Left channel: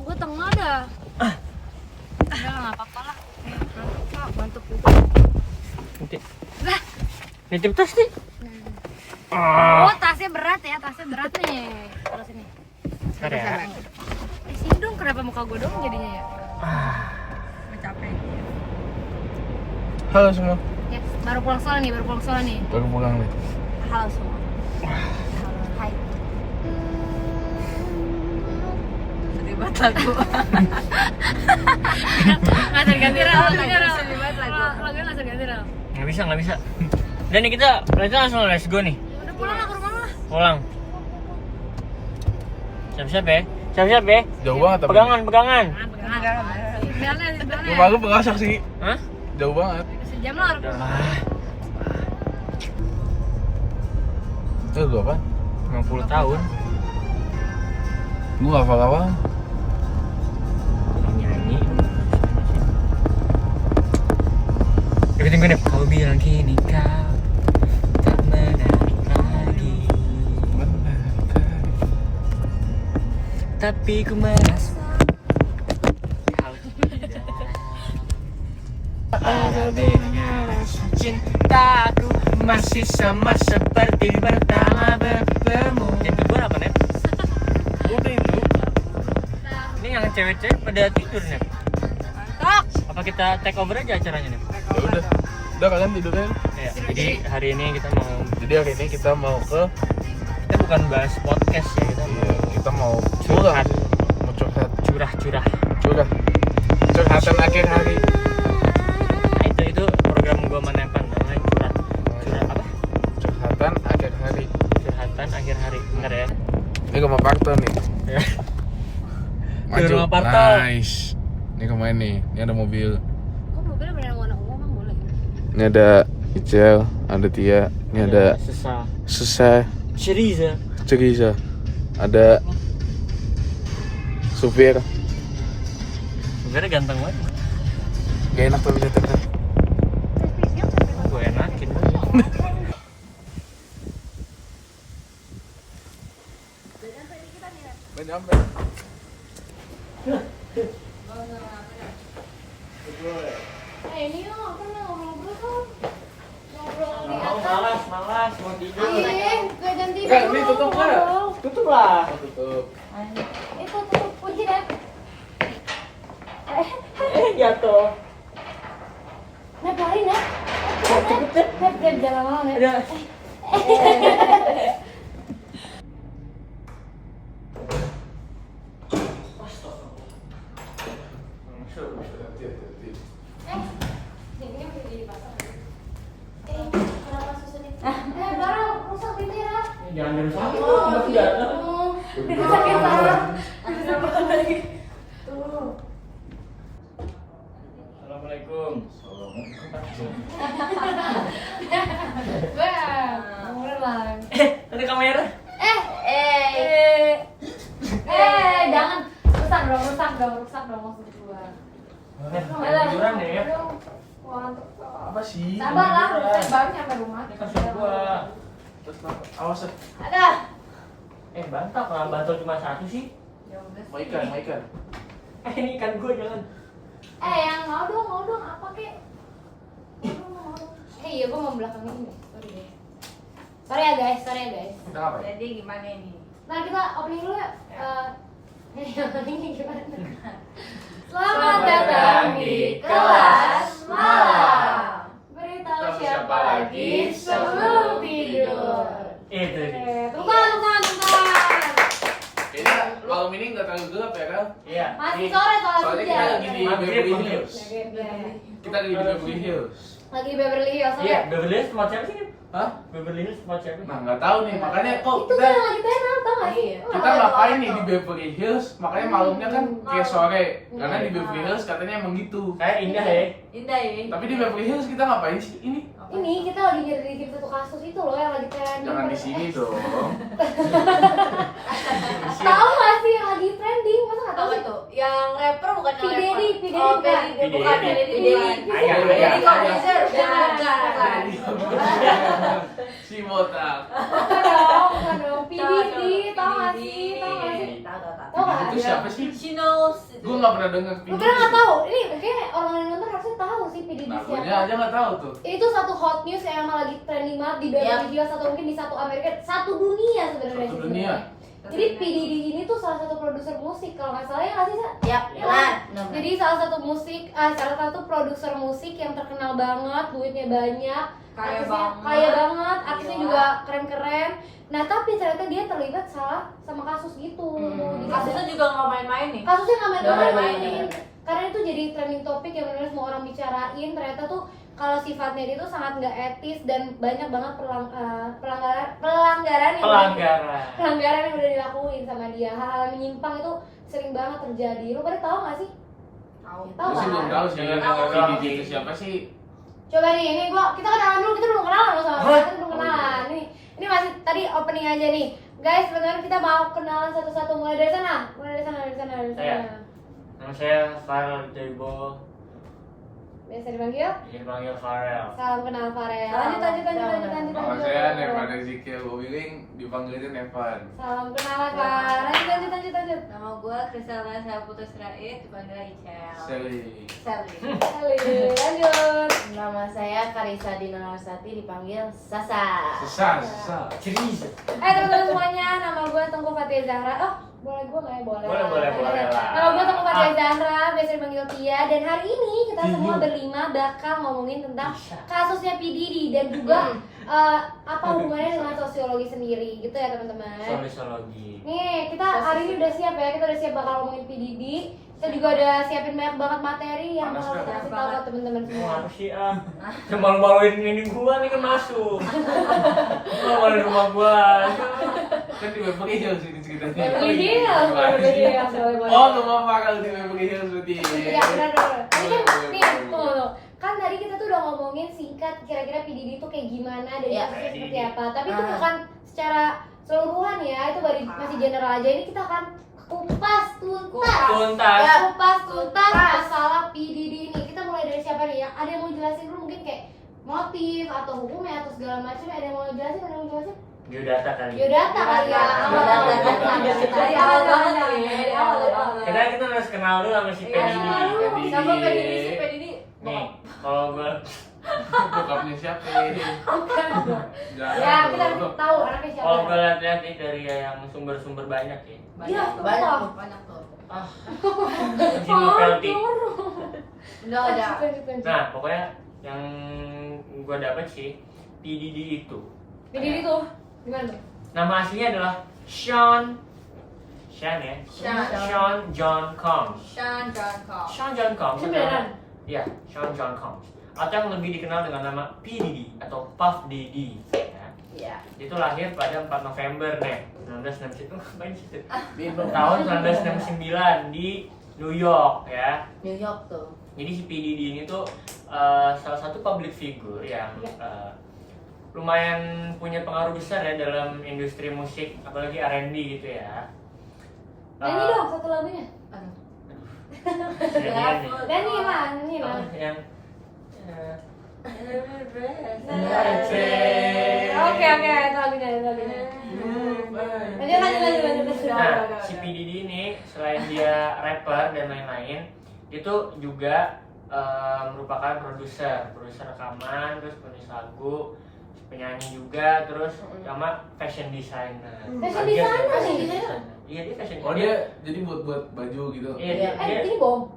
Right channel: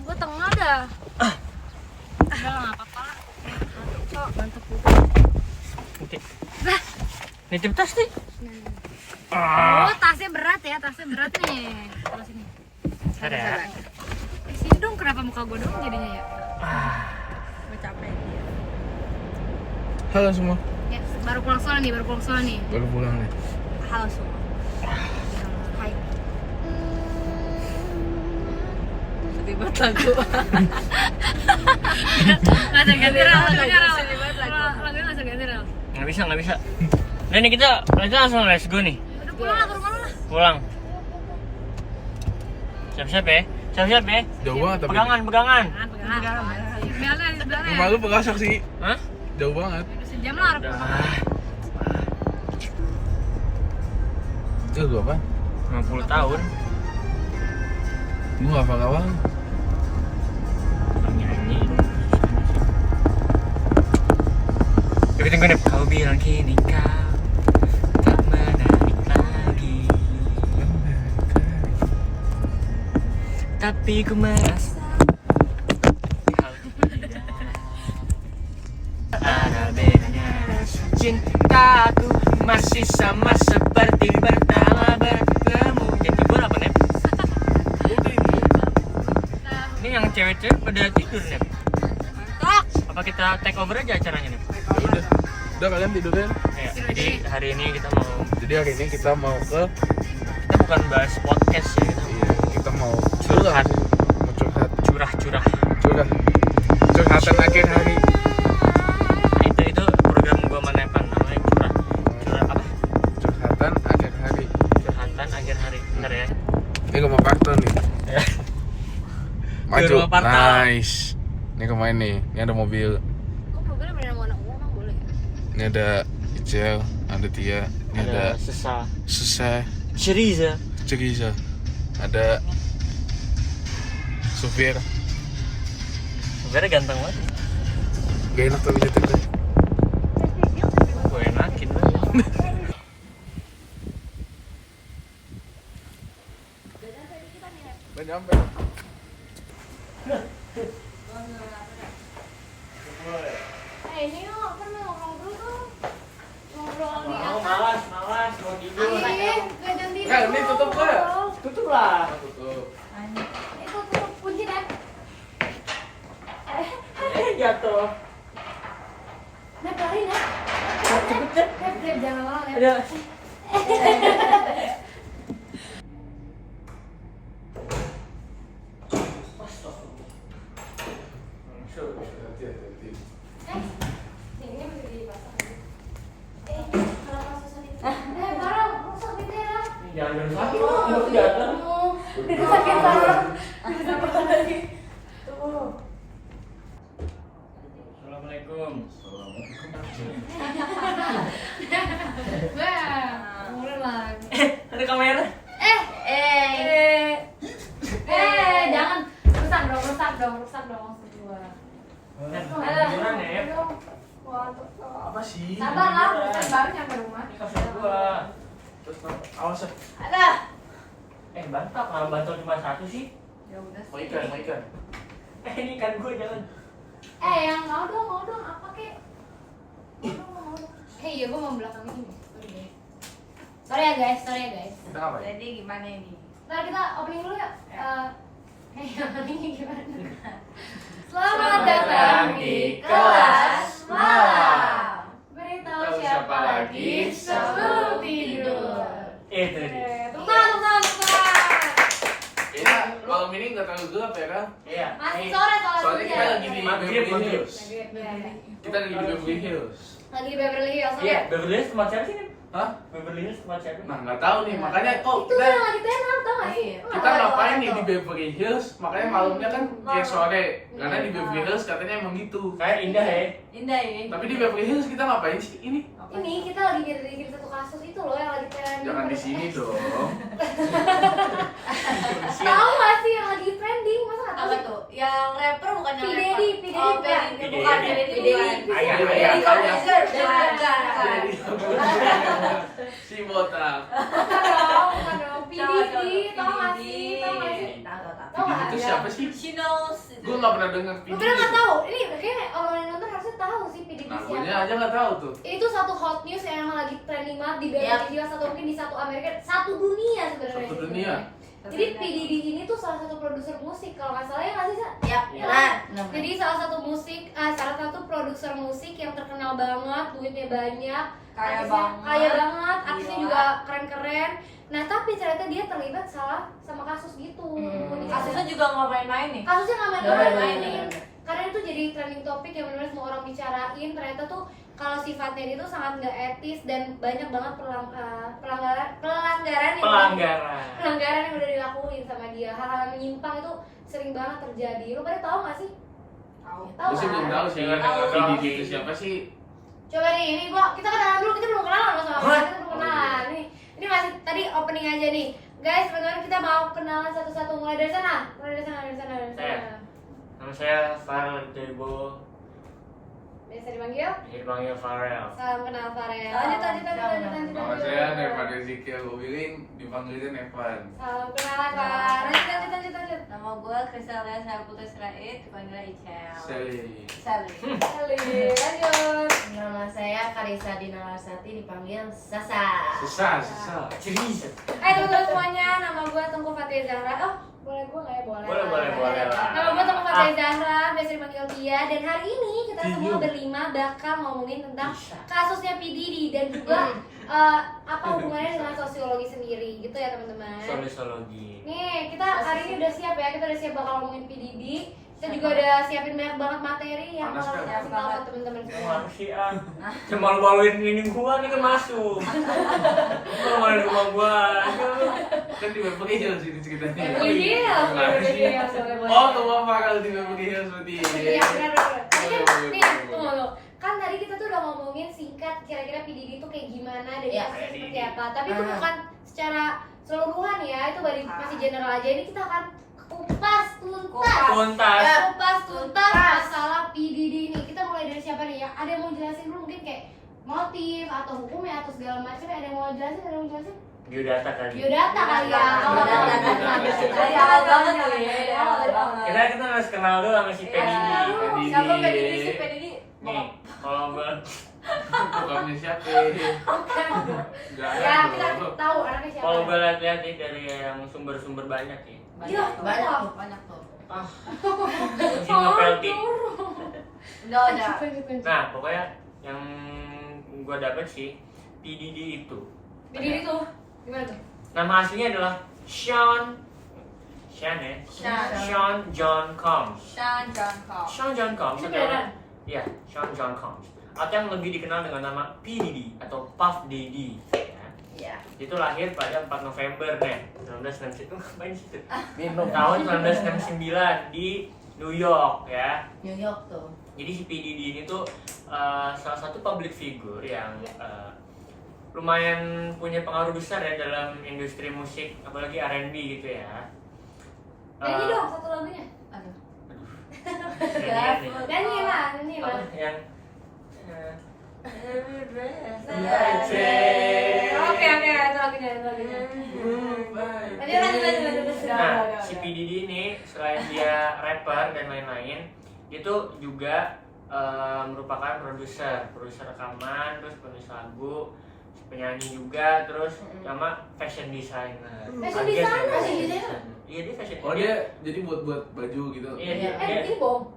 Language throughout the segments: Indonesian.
Gue tengah dah. Udah nggak apa-apa lah. Ngantuk kok, ngantuk Udah. Lah, Nitip tas nih. oh tasnya berat ya, tasnya berat nih. Terus ini. Ada. Sini dong, kenapa muka gue dong jadinya ya? Gue capek. Halo semua. Ya, baru pulang sekolah nih, Baru pulang nih. Halo semua. Halo, hai. Sedih banget lagu. Nggak terganti Ral, lagunya Ral. Lagunya nggak terganti Ral. Nggak bisa. Dan nih kita langsung let's go nih. Udah pulang lah ke rumah lu lah. Pulang. Siap-siap ya. Jauh banget tapi. Pegangan. Pegangan. Di Rumah lu pengasok sih. Hah? Jauh banget. Sejam lah harus pulang. Lu apa? 50 tahun. Lu apa? Nyanyi. Tapi tunggu deh. Kau bilang kini kau tak menarik lagi. Tapi ku merasa kau tidak ada bedanya. Cintaku masih sama seperti pertama bertemu. Itu gue apa Nep? Ini yang cewek-cewek pada tidur Nep. Tok. Apa kita take over aja acaranya Nep? Udah kalian tidurin. Ya, jadi hari ini kita mau Kita bukan bahas podcast ya, kita mau curhat. curah-curah. Curhatan akhir hari. Nah, itu program gua Manepan namanya curah apa? Curhatan akhir hari. Curhatan akhir hari. Bentar ya. Ini rumah Parto nih. Ya. Maju. Rumah Parto. Nice. Ini kemarin nih. Ini ada mobil. Kok mobilnya beneran warna ungu emang boleh? Ini ada Icel, ada Tia. Ini ada Susah. Ceriza. Ada supir. Sebenarnya ganteng banget. Gak enak tapi nyetirnya. Gue enakin. Udah nyampe. Ini lo nggak pernah ngobrol tuh. Ngobrol di atas. Malas mau tidur. Gak jam tidur. Ini tutup nggak? Tutup lah. Tutup. Itu tutup kunci deh. Jatuh. Nep lari Nep. Nep jangan lama Nep. Ada. Hati-hati. Ini masih dipasang aja. Kenapa susah nih? Barang rusak pintunya. Jangan tidur jatuh. Sakit barang. Udah lagi. Tuh. Assalamualaikum. Wah, mulai. Ada kamera. Jangan rusak dong maksud gua. Tiduran ya. Apa sih? Sabar lah, urusan baru nyampe rumah. Ini kasur gua. Terus awas. Ada. Bantal, kenapa bantal cuma satu sih? Ya udah. Mau ikan. Ini ikan gua jangan. Yang mau dong apa kek? Mau dong. Iya gua mau belakangin ini. Sorry ya guys. Kita ngapain? Jadi gimana ini? Mari kita opening dulu ya. Openingnya gimana? Selamat datang di kelas malam. Beritahu siapa lagi sebelum tidur. Itu dia. Tunggu tangan. Kayaknya malam ini nggak terlalu gelap ya kan? Iya. Masih Nih. sore Soalnya kita lagi di Maghrib. Beverly Hills. Kita lagi di Beverly Hills. Lagi di Beverly Hills. Iya, Beverly Hills tempat siapa sih nih? Hah? Beverly Hills tempat siapa? Nah nggak tahu nih, makanya kok Itu kita yang lagi tenar tau gak sih? kita ngapain nih di Beverly Hills? Makanya malamnya kan kayak sore, karena di Beverly Hills katanya emang gitu. Kayak indah ya. Indah ya. Tapi di Beverly Hills kita ngapain sih ini? Ini kita lagi di satu kasus itu loh yang lagi trending. Jangan di sini dong. Tahu gak sih yang lagi trending? Masa nggak tahu Apa sih? tuh? Yang rapper bukan yang P. rapper. Daddy, P. Daddy Oh, bukan. P. Daddy bukan. P. P. Daddy. Daddy. Ayah, Daddy ayah. Corbuzier. Bukan. Si botak. Bukan dong. tau gak sih? Tau gak sih? Tahu. Tau gak? Itu siapa sih? She knows. Gue nggak pernah denger Lu PDD. pernah nggak itu. tahu? Ini mungkin orang yang nonton harusnya tahu sih PDD Nah, gue siapa. aja nggak tahu tuh. Itu satu hot news yang emang lagi trending banget di Beverly Hills atau mungkin di satu Amerika, satu dunia sebenarnya. Satu dunia. Jadi PDD ini tuh salah satu produser musik kalau nggak salah ya nggak sih Sa? Yap, benar. Jadi salah satu produser musik yang terkenal banget, duitnya banyak, Kaya artisnya banget. kaya banget, artisnya Gila. juga keren-keren. Nah tapi ternyata dia terlibat salah sama kasus gitu. Kasusnya juga nggak main-main nih. Kasusnya nggak Nggak main-main. main-main. Karena itu jadi trending topik yang benar semua orang bicarain. Ternyata tuh kalau sifatnya dia tuh sangat nggak etis dan banyak banget pelanggaran yang udah dilakuin sama dia. Hal-hal yang menyimpang itu sering banget terjadi. Lu pada tahu nggak sih? Tahu. Tahu Gue sih kan? belum tahu sih. Tahu. PDD itu siapa sih? Coba nih, ini kita kenalan dulu, kita belum kenalan loh sama What? kita belum kenalan. Ini masih tadi opening aja nih. Guys, benar kita mau kenalan satu-satu mulai dari sana. Saya. Nama saya Farel Debo, Biasa dipanggil? dipanggil Farel. Salam kenal Farel. Salam. Lanjut. Nama saya Nevan Ezekiel Wiling, dipanggilnya Nevan. Salam kenal Far. Lanjut. Nama gue Kristalia, saya Putri Sirait, dipanggil Icel. Sally. Sally. Eli, lanjut. Nama saya Karisa Dina Larsati, dipanggil Sasa. Susah. Serius? Teman-teman semuanya, nama gue Tungku Fatia Zahra. Oh, boleh gue nggak ya? Boleh lah. Nama gue Tungku Fatia Zahra, biasa dipanggil Tia. Dan hari ini kita semua berlima bakal ngomongin tentang kasusnya P. Diddy dan juga apa hubungannya dengan sosiologi sendiri, gitu ya teman-teman. Sosiologi. Nih, kita hari ini udah siap ya, kita udah siap bakal ngomongin P. Diddy. Kita juga udah siapin banyak banget materi yang Panas bakal kita kan? kasih tahu ke teman-teman semua. Mau sih cuma maluin ini gua nih kan masuk. Lu maluin rumah gua. Kan di Beverly Hills ini ceritanya. Beverly Hills, Beverly Hills, boleh, boleh. Oh, rumah Farel di Beverly Hills berarti. Iya, benar. Tadi Boleh, kan, boleh, nih, boleh. tunggu. Kan tadi kita tuh udah ngomongin singkat kira-kira P. Diddy itu kayak gimana dan Iya, kasusnya kayak seperti Diddy. apa. Tapi itu bukan secara keseluruhan ya, itu masih general aja. Ini kita akan kupas tuntas masalah P. Diddy ini. Kita mulai dari siapa nih? Yang ada yang mau jelasin dulu mungkin kayak motif atau hukumnya atau segala macam. Ada yang mau jelasin? Biodata kali. Biodata kali ya. Dari awal banget kali ya, dari awal banget. Kita harus kenal dulu sama si P. Diddy. Siapa PDD sih? PDD? Nih, kalau gua Bokapnya siapa? Ya, kita harus tahu anaknya siapa. kalau gua lihat-lihat nih dari yang sumber-sumber banyak ya. Iya, Banyak. Banyak tuh. Mungkin ngepelti. Udah ada. Nah, pokoknya yang gua dapet sih P. Diddy itu Jadi itu gimana tuh? nama aslinya adalah Sean ya. Sean John Combs. Sean John Combs. Sean John Combs Itu adalah beneran? ya, Sean John Combs atau yang lebih dikenal dengan nama P. Diddy atau Puff Daddy ya. Ya. Itu lahir pada 4 November nih 1969 ngapain situ? Minum. Tahun 1969 di New York ya. New York tuh. Jadi si P. Diddy ini tuh salah satu public figure yang lumayan punya pengaruh besar ya dalam industri musik, apalagi R&B gitu ya. Nyanyi dong satu lagunya. Nyanyi lah. Yang Oke, itu lagunya. Lanjut. Nah, si P. Diddy ini selain dia rapper dan lain-lain, itu juga merupakan produser rekaman, terus penulis lagu, penyanyi juga, terus sama fashion designer. Fashion designer sih gitu ya? Iya, dia fashion Oh, dia jadi buat baju gitu. Iya, dia Ini bom.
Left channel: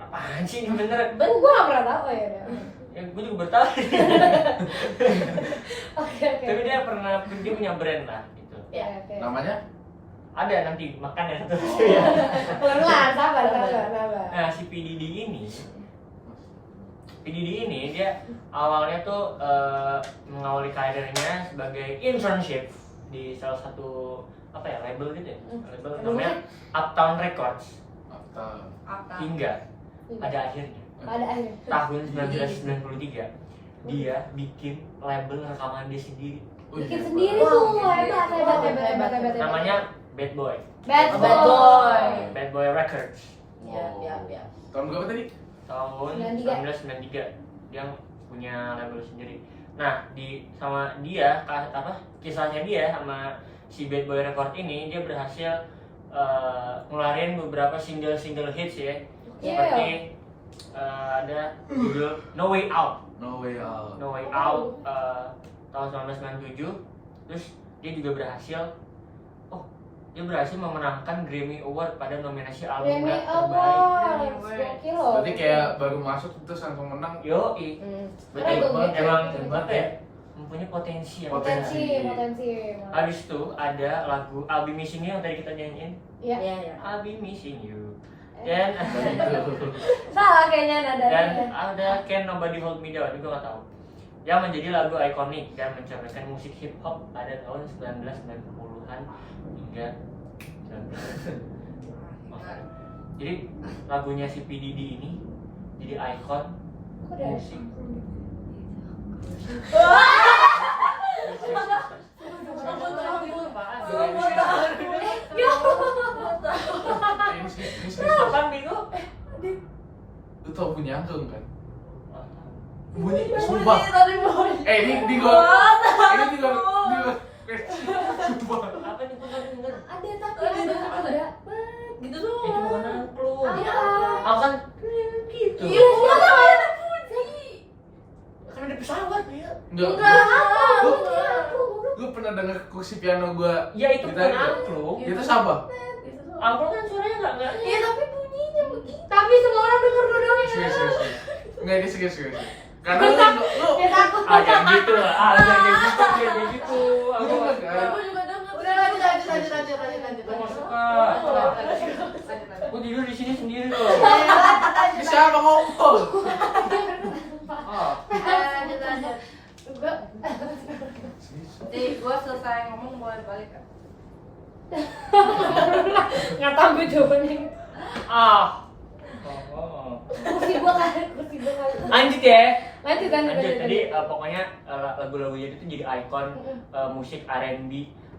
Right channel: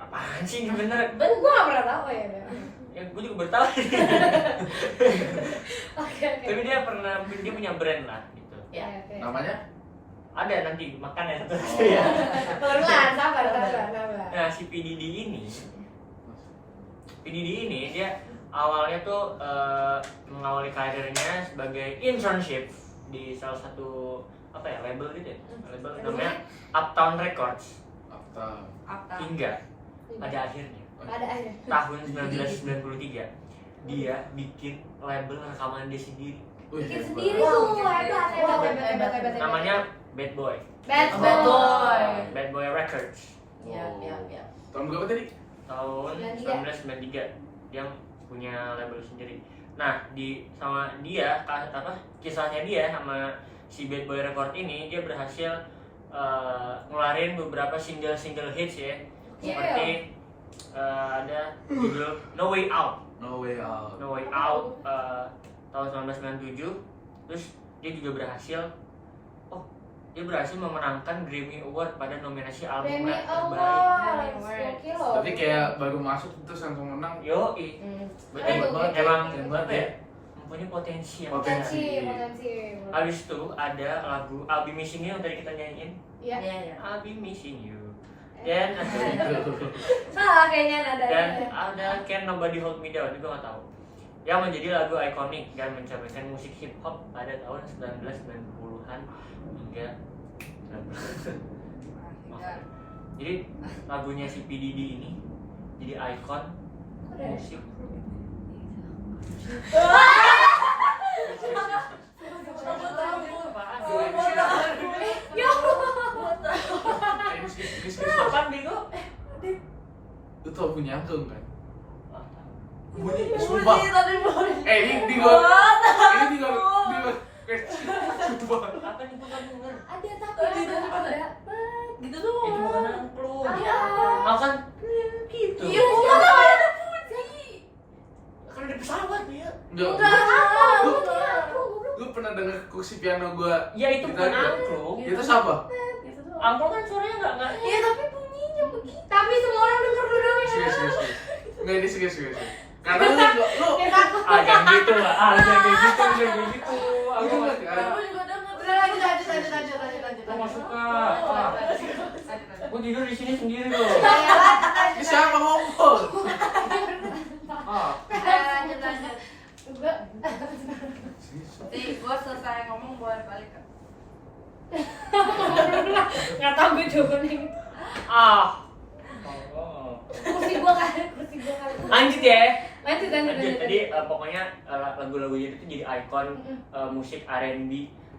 apaan sih ini bener? Ben gua nggak pernah tahu ya. Ya gue juga baru tahu. Oke. Tapi dia punya brand lah gitu. Ya. Namanya? Ada nanti makan ya satu Oh. ya. Pelan-pelan, sabar. Nah, si P. Diddy ini dia awalnya tuh mengawali karirnya sebagai internship di salah satu label gitu ya. Label namanya Uptown Records. Apa? Hingga pada akhirnya Pada akhirnya. tahun 1993 dia bikin label rekaman dia sendiri. Bikin sendiri tuh, hebat. Namanya Bad Boy. Bad Bad Boy. Bad Boy Records. Ya. Tahun berapa tadi? Tahun 1993 dia punya label sendiri. Nah, kisahnya dia sama si Bad Boy Record ini dia berhasil ngeluarin beberapa single hits ya. Seperti ada judul No Way Out. No Way Out. No Way Out tahun 1997. Terus dia juga berhasil memenangkan Grammy Award pada nominasi album Grammy rap terbaik. Awards, gokil loh. Berarti kayak baru masuk terus langsung menang. Yoi. Keren Betul. banget ya, Emang keren apa banget ya? ya. Mempunyai potensi yang Potensi. Potensi. Habis itu ada lagu I'll Be Missing You yang tadi kita nyanyiin. Iya. Iya. I'll Be Missing You. Dan Salah kayaknya nadanya. ada Can Nobody Hold Me Down, juga nggak tahu. Yang menjadi lagu ikonik dan mencerminkan musik hip hop pada tahun 1990-an hingga 19. Maaf ya. Jadi lagunya si P Diddy ini jadi ikon musik. Apaan Biko? Lu tau punya angklung kan? Bunyi Sumpah. tadi bunyi. Ini di luar. Ini di luar. Sumpah. Apa nih bukan denger? Ada tapi ada. Gitu Itu doang. bukan angklung. Iya. Aku kan gitu. Iya, ada bunyi. Karena di pesawat dia. Lu pernah denger kursi piano gua? Ya itu bukan Gitar? angklung. Itu siapa? Gitu doang. Angklung kan suaranya nggak Iya tapi bunyinya begitu. Tapi semua orang denger lu dong ya. Serius. Enggak, ini serius. Karena lu jangan gitu lah. Jangan gitu. Aku Lu nggak kan? Aku juga denger. Udah lanjut. Aku nggak suka. Aku tidur di sini sendiri loh. Ini siapa ngomong? Lanjut. Nih, gua selesai ngomong buat balik kan. Nggak tahu gue jawabannya. Kursi gua kan. Lanjut ya. Lanjut. Tadi pokoknya lagu-lagunya itu jadi ikon musik R&B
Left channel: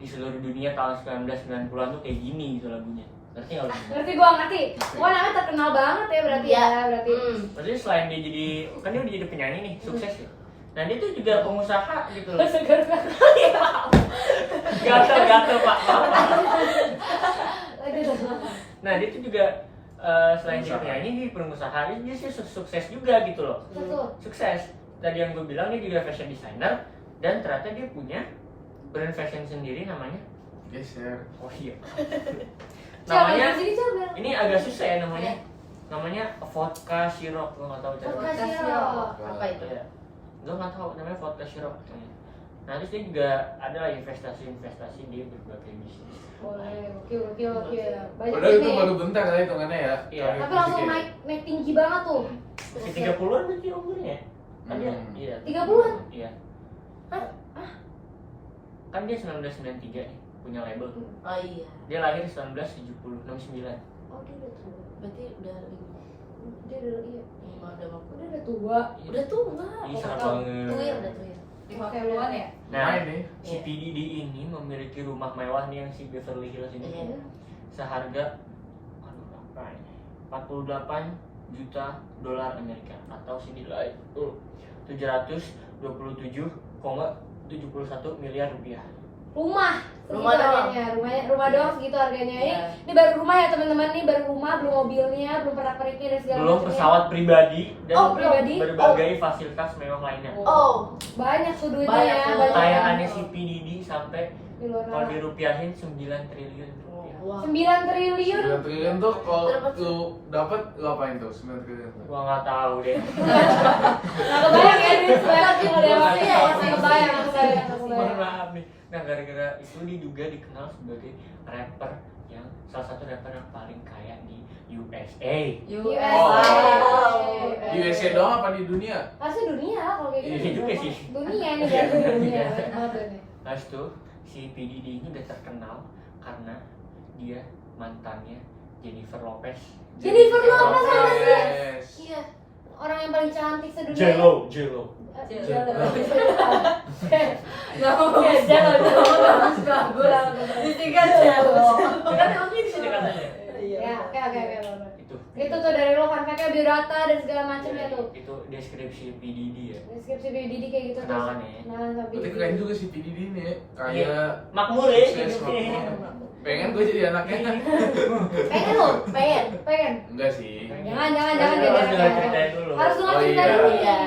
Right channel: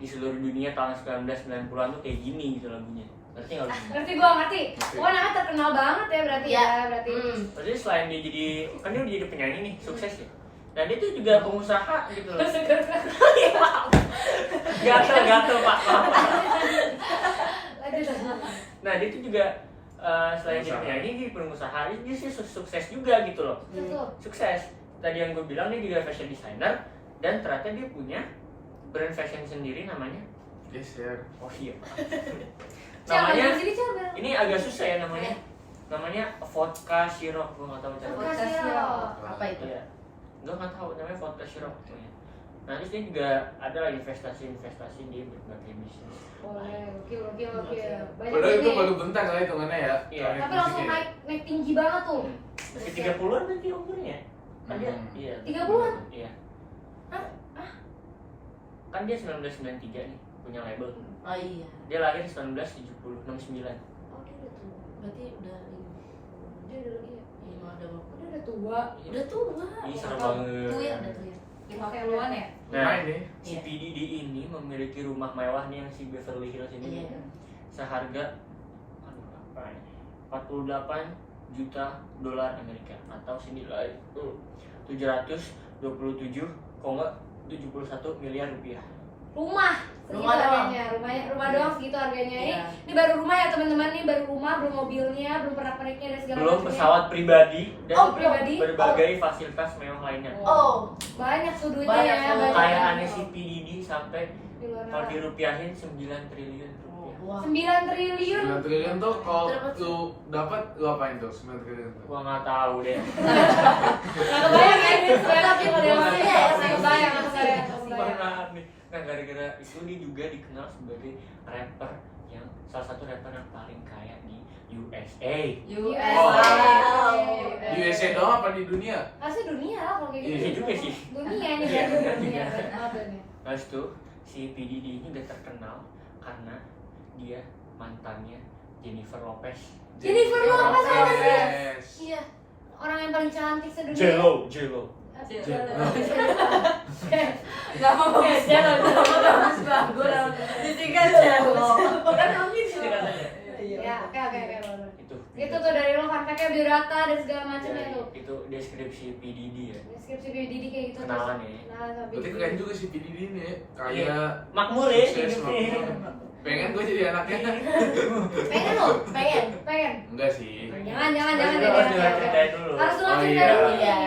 di seluruh dunia tahun 1990-an tuh kayak gini gitu lagunya. Ngerti nggak lu? Ngerti gua ngerti. Gua namanya terkenal banget ya berarti ya berarti. Berarti selain dia jadi, kan dia udah jadi penyanyi nih, sukses ya. Dan dia tuh juga pengusaha gitu loh. Gatel Pak. Nah dia tuh juga selain jadi penyanyi, dia pengusaha, dia sih sukses juga gitu loh. Sukses. Tadi yang gue bilang dia juga fashion designer dan ternyata dia punya brand fashion sendiri namanya. Geser. Oh iya. Namanya ini agak susah ya namanya. Namanya vodka syrup, gue nggak tahu cara. Vodka syrup. Apa itu? Iya. Gue nggak tahu namanya vodka syrup. Nah terus dia juga ada lah investasi di berbagai bisnis. Boleh, oke. Padahal itu baru bentar lah hitungannya ya. Iya. Tapi langsung naik tinggi banget tuh. Masih 30-an berarti umurnya. Kan dia, iya. 30-an? Iya. Kan dia 1993 nih punya label. Oh iya. Dia lahir 1969. Oh dia udah tua. Berarti udah Dia udah iya. udah Dia udah tua. udah tua. Ih, serem tahu. banget. Tuyul udah tuyul. 50-an ya? Nah, ini. si P Diddy ini memiliki rumah mewah nih yang si Beverly Hills ini Iya. seharga berapa ini? 48 juta dolar Amerika atau senilai 727,71 miliar rupiah. Rumah doang. Rumah doang segitu harganya ya. Iya. Ini baru rumah ya teman-teman, nih baru rumah, belum mobilnya, belum pernak-perniknya dan segala Belum macamnya. pesawat pribadi dan pribadi. berbagai fasilitas mewah lainnya. Oh, Banyak tuh duitnya Banyak ya. tuh. banyak Kekayaannya banget. si P Diddy sampai Di luar kalau sana. dirupiahin 9 triliun rupiah. wah. 9 triliun. 9 triliun tuh kalau lu dapat lu apain tuh 9 triliun tuh? Gua nggak tahu deh. Nggak kebayang ya ini tapi Nggak kebayang. Mohon maaf nih. Nah gara-gara itu dia juga dikenal sebagai rapper yang salah satu rapper yang paling kaya di USA. Di USA doang apa di dunia? Pasti dunia lah kalau kayak gitu. Iya juga sih. Dunia ini Iya, berarti benar dunia. juga. Banget dunia. Nah itu si P Diddy ini udah terkenal karena dia mantannya Jennifer Lopez. Jennifer Lopez Yes. apa sih? Iya. Orang yang paling cantik sedunia. J-Lo. Gak ngomong Jelo. Bagus. Disingkat Jelo. Kan kamu di sini katanya. Ya, oke. Itu Itu tuh dari lo fun fact-nya biodata dan segala macam ya tuh. itu deskripsi PDD ya. Deskripsi BDD kayak gitu Kenalan ya. Nah, sama Berarti BDD. keren juga sih PDD ini ya. Kayak Makmur ya sukses, hidupnya. makmur. Pengen gue jadi anaknya. Pengen lo? Pengen. Enggak sih. Jangan Harus ceritain dulu. Harus dulu Oh, cerita iya. dulu. Iya.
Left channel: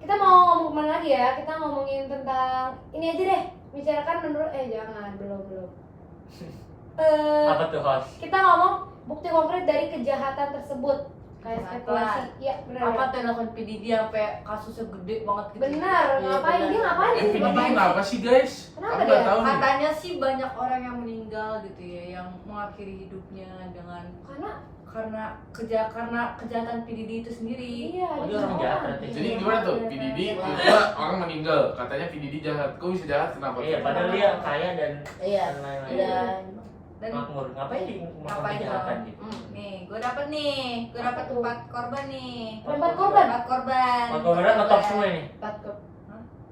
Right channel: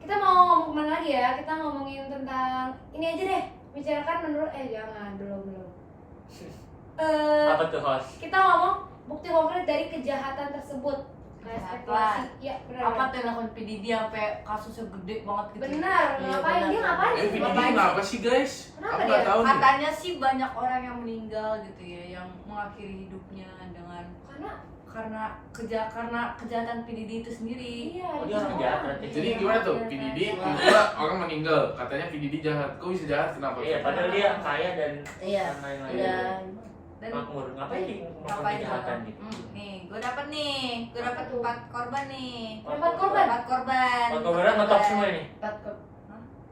Kita mau ngomong kemana lagi ya? Kita ngomongin tentang ini aja deh. Bicarakan menurut jangan belum. Apa tuh host? Kita ngomong bukti konkret dari kejahatan tersebut. Kayak spekulasi. Iya, benar. Apa tuh yang lakukan PDD sampai kasusnya gede banget gitu? Benar. Iya, Ngapain benar. dia ngapain? PDD Ngapain kenapa sih guys? Kenapa Aku dia? nggak tahu nih. Katanya sih banyak orang yang meninggal gitu ya, yang mengakhiri hidupnya dengan Karena karena kejahatan PDD itu sendiri. iya. Oh, dia orang jahat berarti. Jadi gimana tuh? PDD tiba orang meninggal. Katanya PDD jahat. Kok bisa jahat? Kenapa? Iya, padahal dia kaya dan Iya. lain-lain. Dan Dan Makmur, ngapain di melakukan ngapain kejahatan dong? gitu? Nih, gue dapet 4 korban nih. Empat korban. 4 korban. Korbannya ngetop semua ini. takut.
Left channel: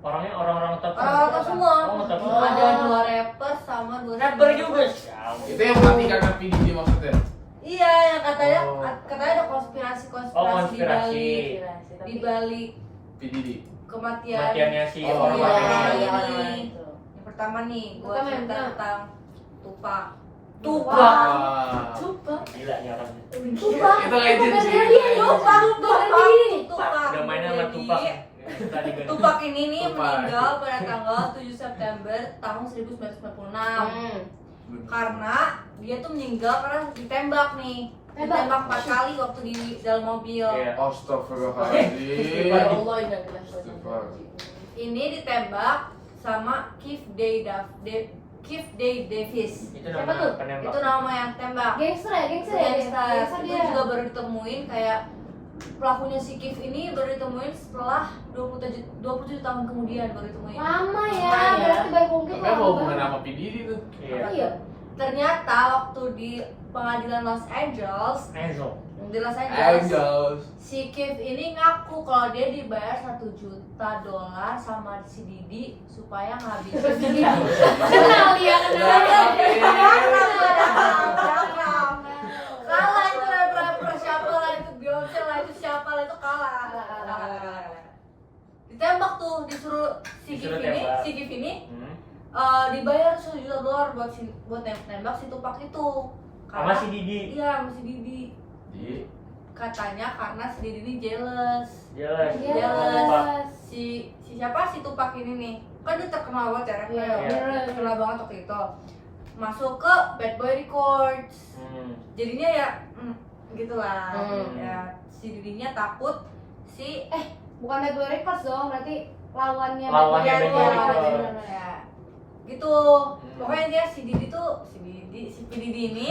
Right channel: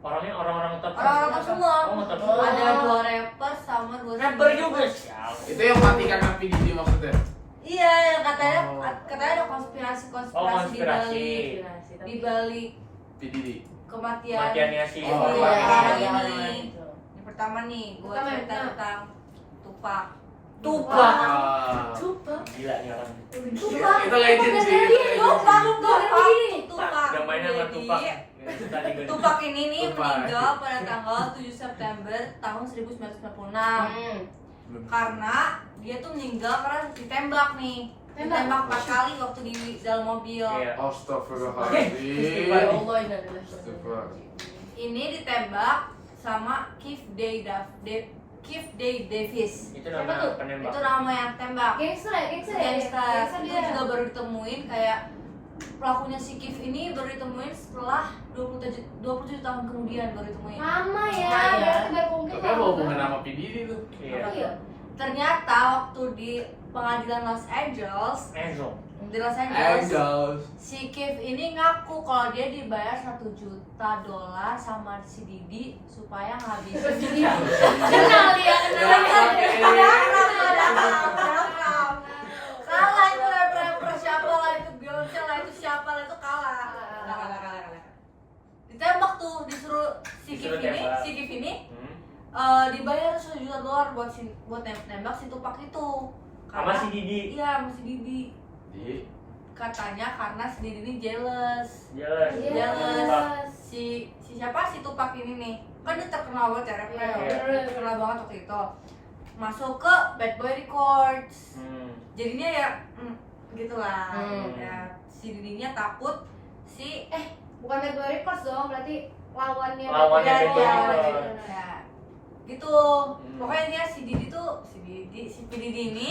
Orangnya orang-orang ngetop. Orang-orang top semua. Oh, ngetop. Ada 2 rapper sama 2 Rapper juga. Sial. Itu yang mati karena PDD maksudnya. Iya, yang katanya Oh. ada konspirasi Oh, konspirasi. di balik PDD. kematian. Kematiannya si Oh, korban iya, ini. iya. Yang pertama nih, gue Pertama yang cerita mana? tentang Tupac. Tupac. Ah. Gila nih orang. Itu legend sih. Tupac. Udah main sama Tupac. Tadi gue. Tupac ini nih Tupac. meninggal pada tanggal 7 September tahun 1996. Karena dia tuh meninggal karena ditembak nih. Ditembak 4 kali waktu di dalam mobil. Iya. Astagfirullahaladzim. Ya Allah, ini adalah Ini ditembak sama Keith Day Davis. Itu Siapa nama tuh? penembak. Itu nama yang tembak. Gangster ya. Gangster. Itu dia. juga baru ditemuin kayak pelakunya si Keith ini baru ditemuin setelah 27 tahun kemudian baru ditemuin. Lama ya, Lama ya. berarti baru konkret Tapi apa hubungan sama PDD tuh? Iya. Apa ya? Ternyata waktu di pengadilan Los Angeles, Enzo. di Los Angeles, Angels. si Keith ini ngaku kalau dia dibayar $1 juta sama si Didi supaya ngabisin dia. Kenal dia, Kalah itu rapper siapa lah, itu Beyonce lah, itu siapa lah, itu kalah. Ditembak tuh, disuruh Disuruh tembak. si Keith ini Hmm. dibayar $1 juta buat nembak si Tupac itu. Sama si Didi. Iya, sama si Didi. Di Katanya karena si Didi ini jealous. Jelas. Jelas. Si siapa si Tupac ini nih, kan dia terkenal banget ya rapnya, Iya. terkenal banget waktu itu. Masuk ke Bad Boy Records. Jadinya ya gitulah. Ya, si Didinya takut si Bukan Bad Boy Records dong, berarti lawannya Lawannya Bad Bad Boy Boy Records. Records. ya gitu. Pokoknya dia si P Didi ini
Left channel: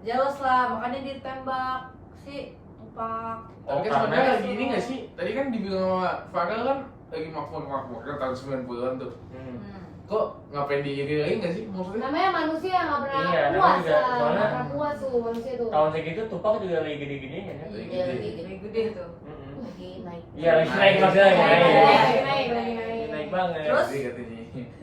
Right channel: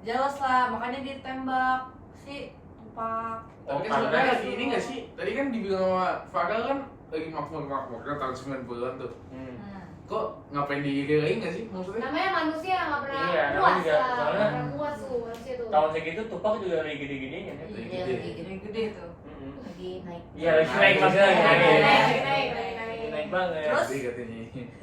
jealous lah, makanya dia tembak si Tupac. Tapi kan sebenarnya lagi ini nggak sih? Tadi kan dibilang sama Farel kan lagi makmur kan tahun 90-an tuh. Kok ngapain diiring lagi nggak sih maksudnya? Namanya manusia yang nggak pernah Iya, namanya puas juga, lah, soalnya- nggak pernah puas tuh manusia tuh. Tahun segitu Tupac juga lagi gede-gedenya kan? Lagi Iya, gede. lagi gede. Gede gede tuh. Lagi naik. Iya, lagi naik maksudnya lagi naik. Naik. Naik banget. Terus? Jadi katanya.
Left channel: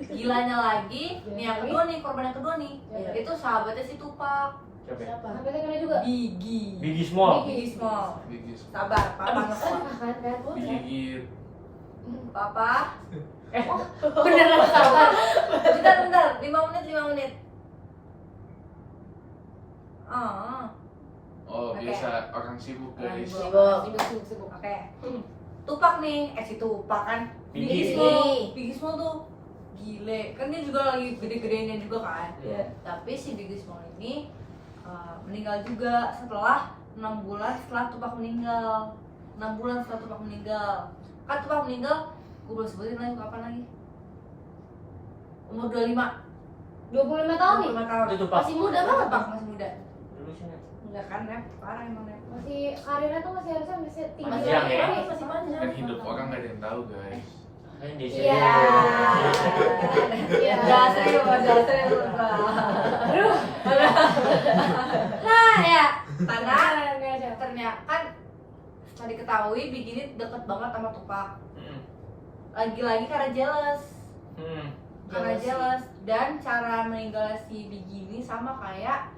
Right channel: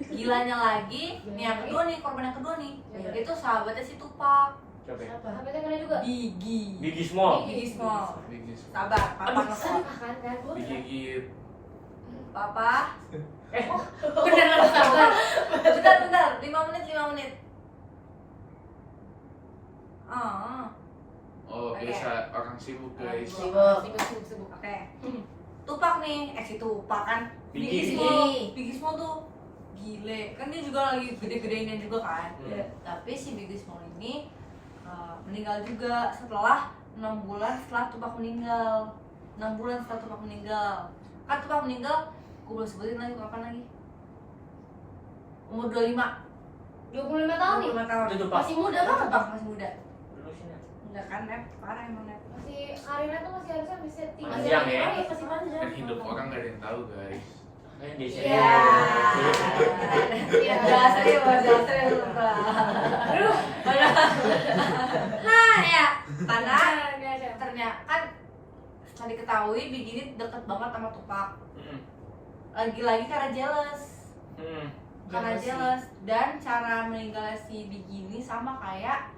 Gilanya lagi, nih yang kedua nih, korban yang kedua nih, itu sahabatnya si Tupac, Coba. Siapa? Tapi itu kena juga. Biggie. Biggie Small. Biggie Small. Bigis. Sabar, papa ngeselak. Kan kan. Digigit. Papa. Beneran sabar. Bentar, 5 menit. Oh, Oke. biasa orang sibuk guys. Sibuk. Oke. Tupac nih, si Tupac kan. Biggie. Biggie Small tuh gile. Kan dia juga lagi gede-gedenya juga kan. Iya. Tapi si Biggie Small ini meninggal juga setelah 6 bulan setelah Tupac meninggal. 6 bulan setelah Tupac meninggal. Kan Tupac meninggal, gue belum sebutin lagi kapan lagi. Umur 25. 25 tahun nih. 25 tahun. Itu Tupac. Masih muda banget. Tupac masih muda. Dulu sih. Enggak kan, Nep? Parah emang, Nep. Masih karirnya tuh masih harusnya bisa tinggi. Panjang ya. Masih panjang. Kan hidup orang nggak ada yang tahu guys. Kan di sini. Iya. Iya. Jelasin dulu, Bang. Nah, ya, karena ternyata kan setelah diketahui Biggie ini deket banget sama Tupac. Lagi-lagi karena jealous. Karena jealous dan cara meninggal si Biggie ini sama kayak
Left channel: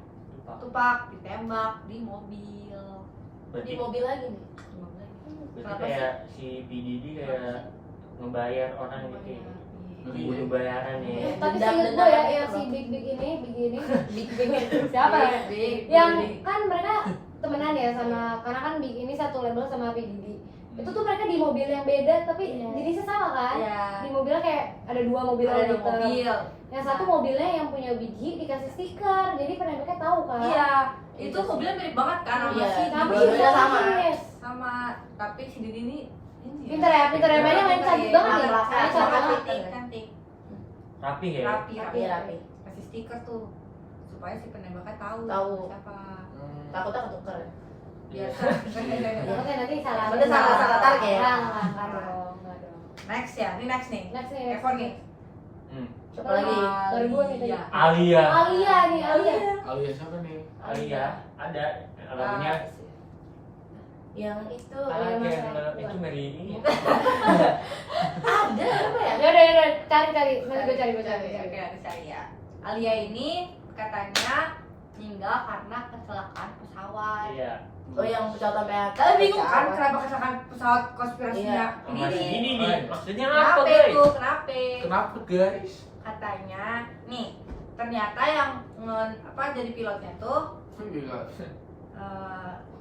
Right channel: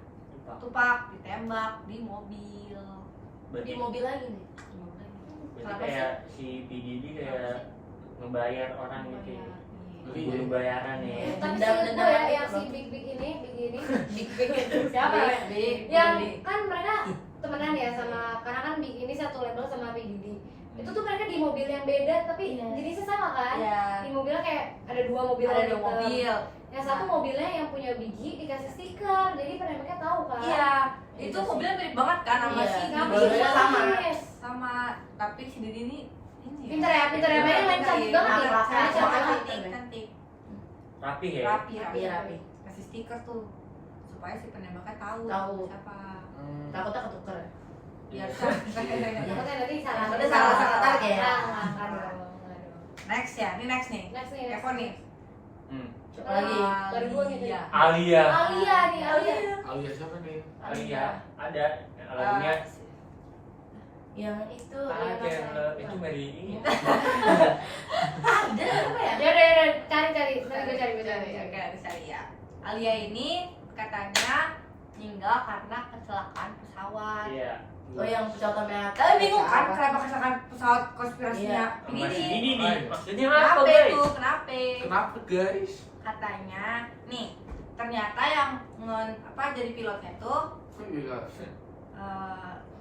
Tupac ditembak di mobil. Berarti Di mobil lagi nih. Di mobil lagi. berarti Kenapa kayak si P Diddy kayak ngebayar orang gitu ya. Butuh bayaran ya. Tapi Dendam- seinget gue dendam ya gitu yang si loh. Big ini Big Big. siapa? Big, Yang Big. kan mereka temenan ya sama, karena kan Big ini satu label sama P Diddy. Itu tuh mereka di mobil yang beda tapi Iya. jenisnya sama kan? Iya. Di mobilnya kayak ada dua mobil Ada gitu. dua mobil. Yang satu mobilnya yang punya biji dikasih stiker, jadi penembaknya tahu kan? Iya. Itu mobilnya mirip banget kan sama Iya. si Tapi Didi. Dua-duanya sama. Sama, tapi si Didi ini Pinter ya, mainnya main cantik banget ya. Cantik, Mainnya cantik banget. cantik, cantik. Rapi ya. Rapi, Rapi, rapi. Kasih stiker tuh supaya si penembaknya tahu Tahu. siapa. Takutnya ketuker. Biasa. Takutnya nanti salah. Takutnya salah tarik ya? Enggak dong. Next ya, ini next nih. Next nih. Evo nih. Siapa lagi? Baru dua nih tadi. Iya. Alia. Alia nih, Alia. Alia siapa nih? Alia ada lagunya Yang itu I yang Can masalah. Love itu Mary ini. Ada apa ya? Ya udah, cari. Nanti gue cari. Oke, ada saya ya. Alia ini katanya meninggal karena kecelakaan pesawat. Iya. Oh yang pesawat Amerika. Tapi bingung kan kenapa kecelakaan pesawat konspirasinya Iya. Masih ini? ini nih. Maksudnya Kenapa apa, guys? itu? Kenapa? Kenapa guys? Katanya nih ternyata yang jadi pilotnya tuh Iya.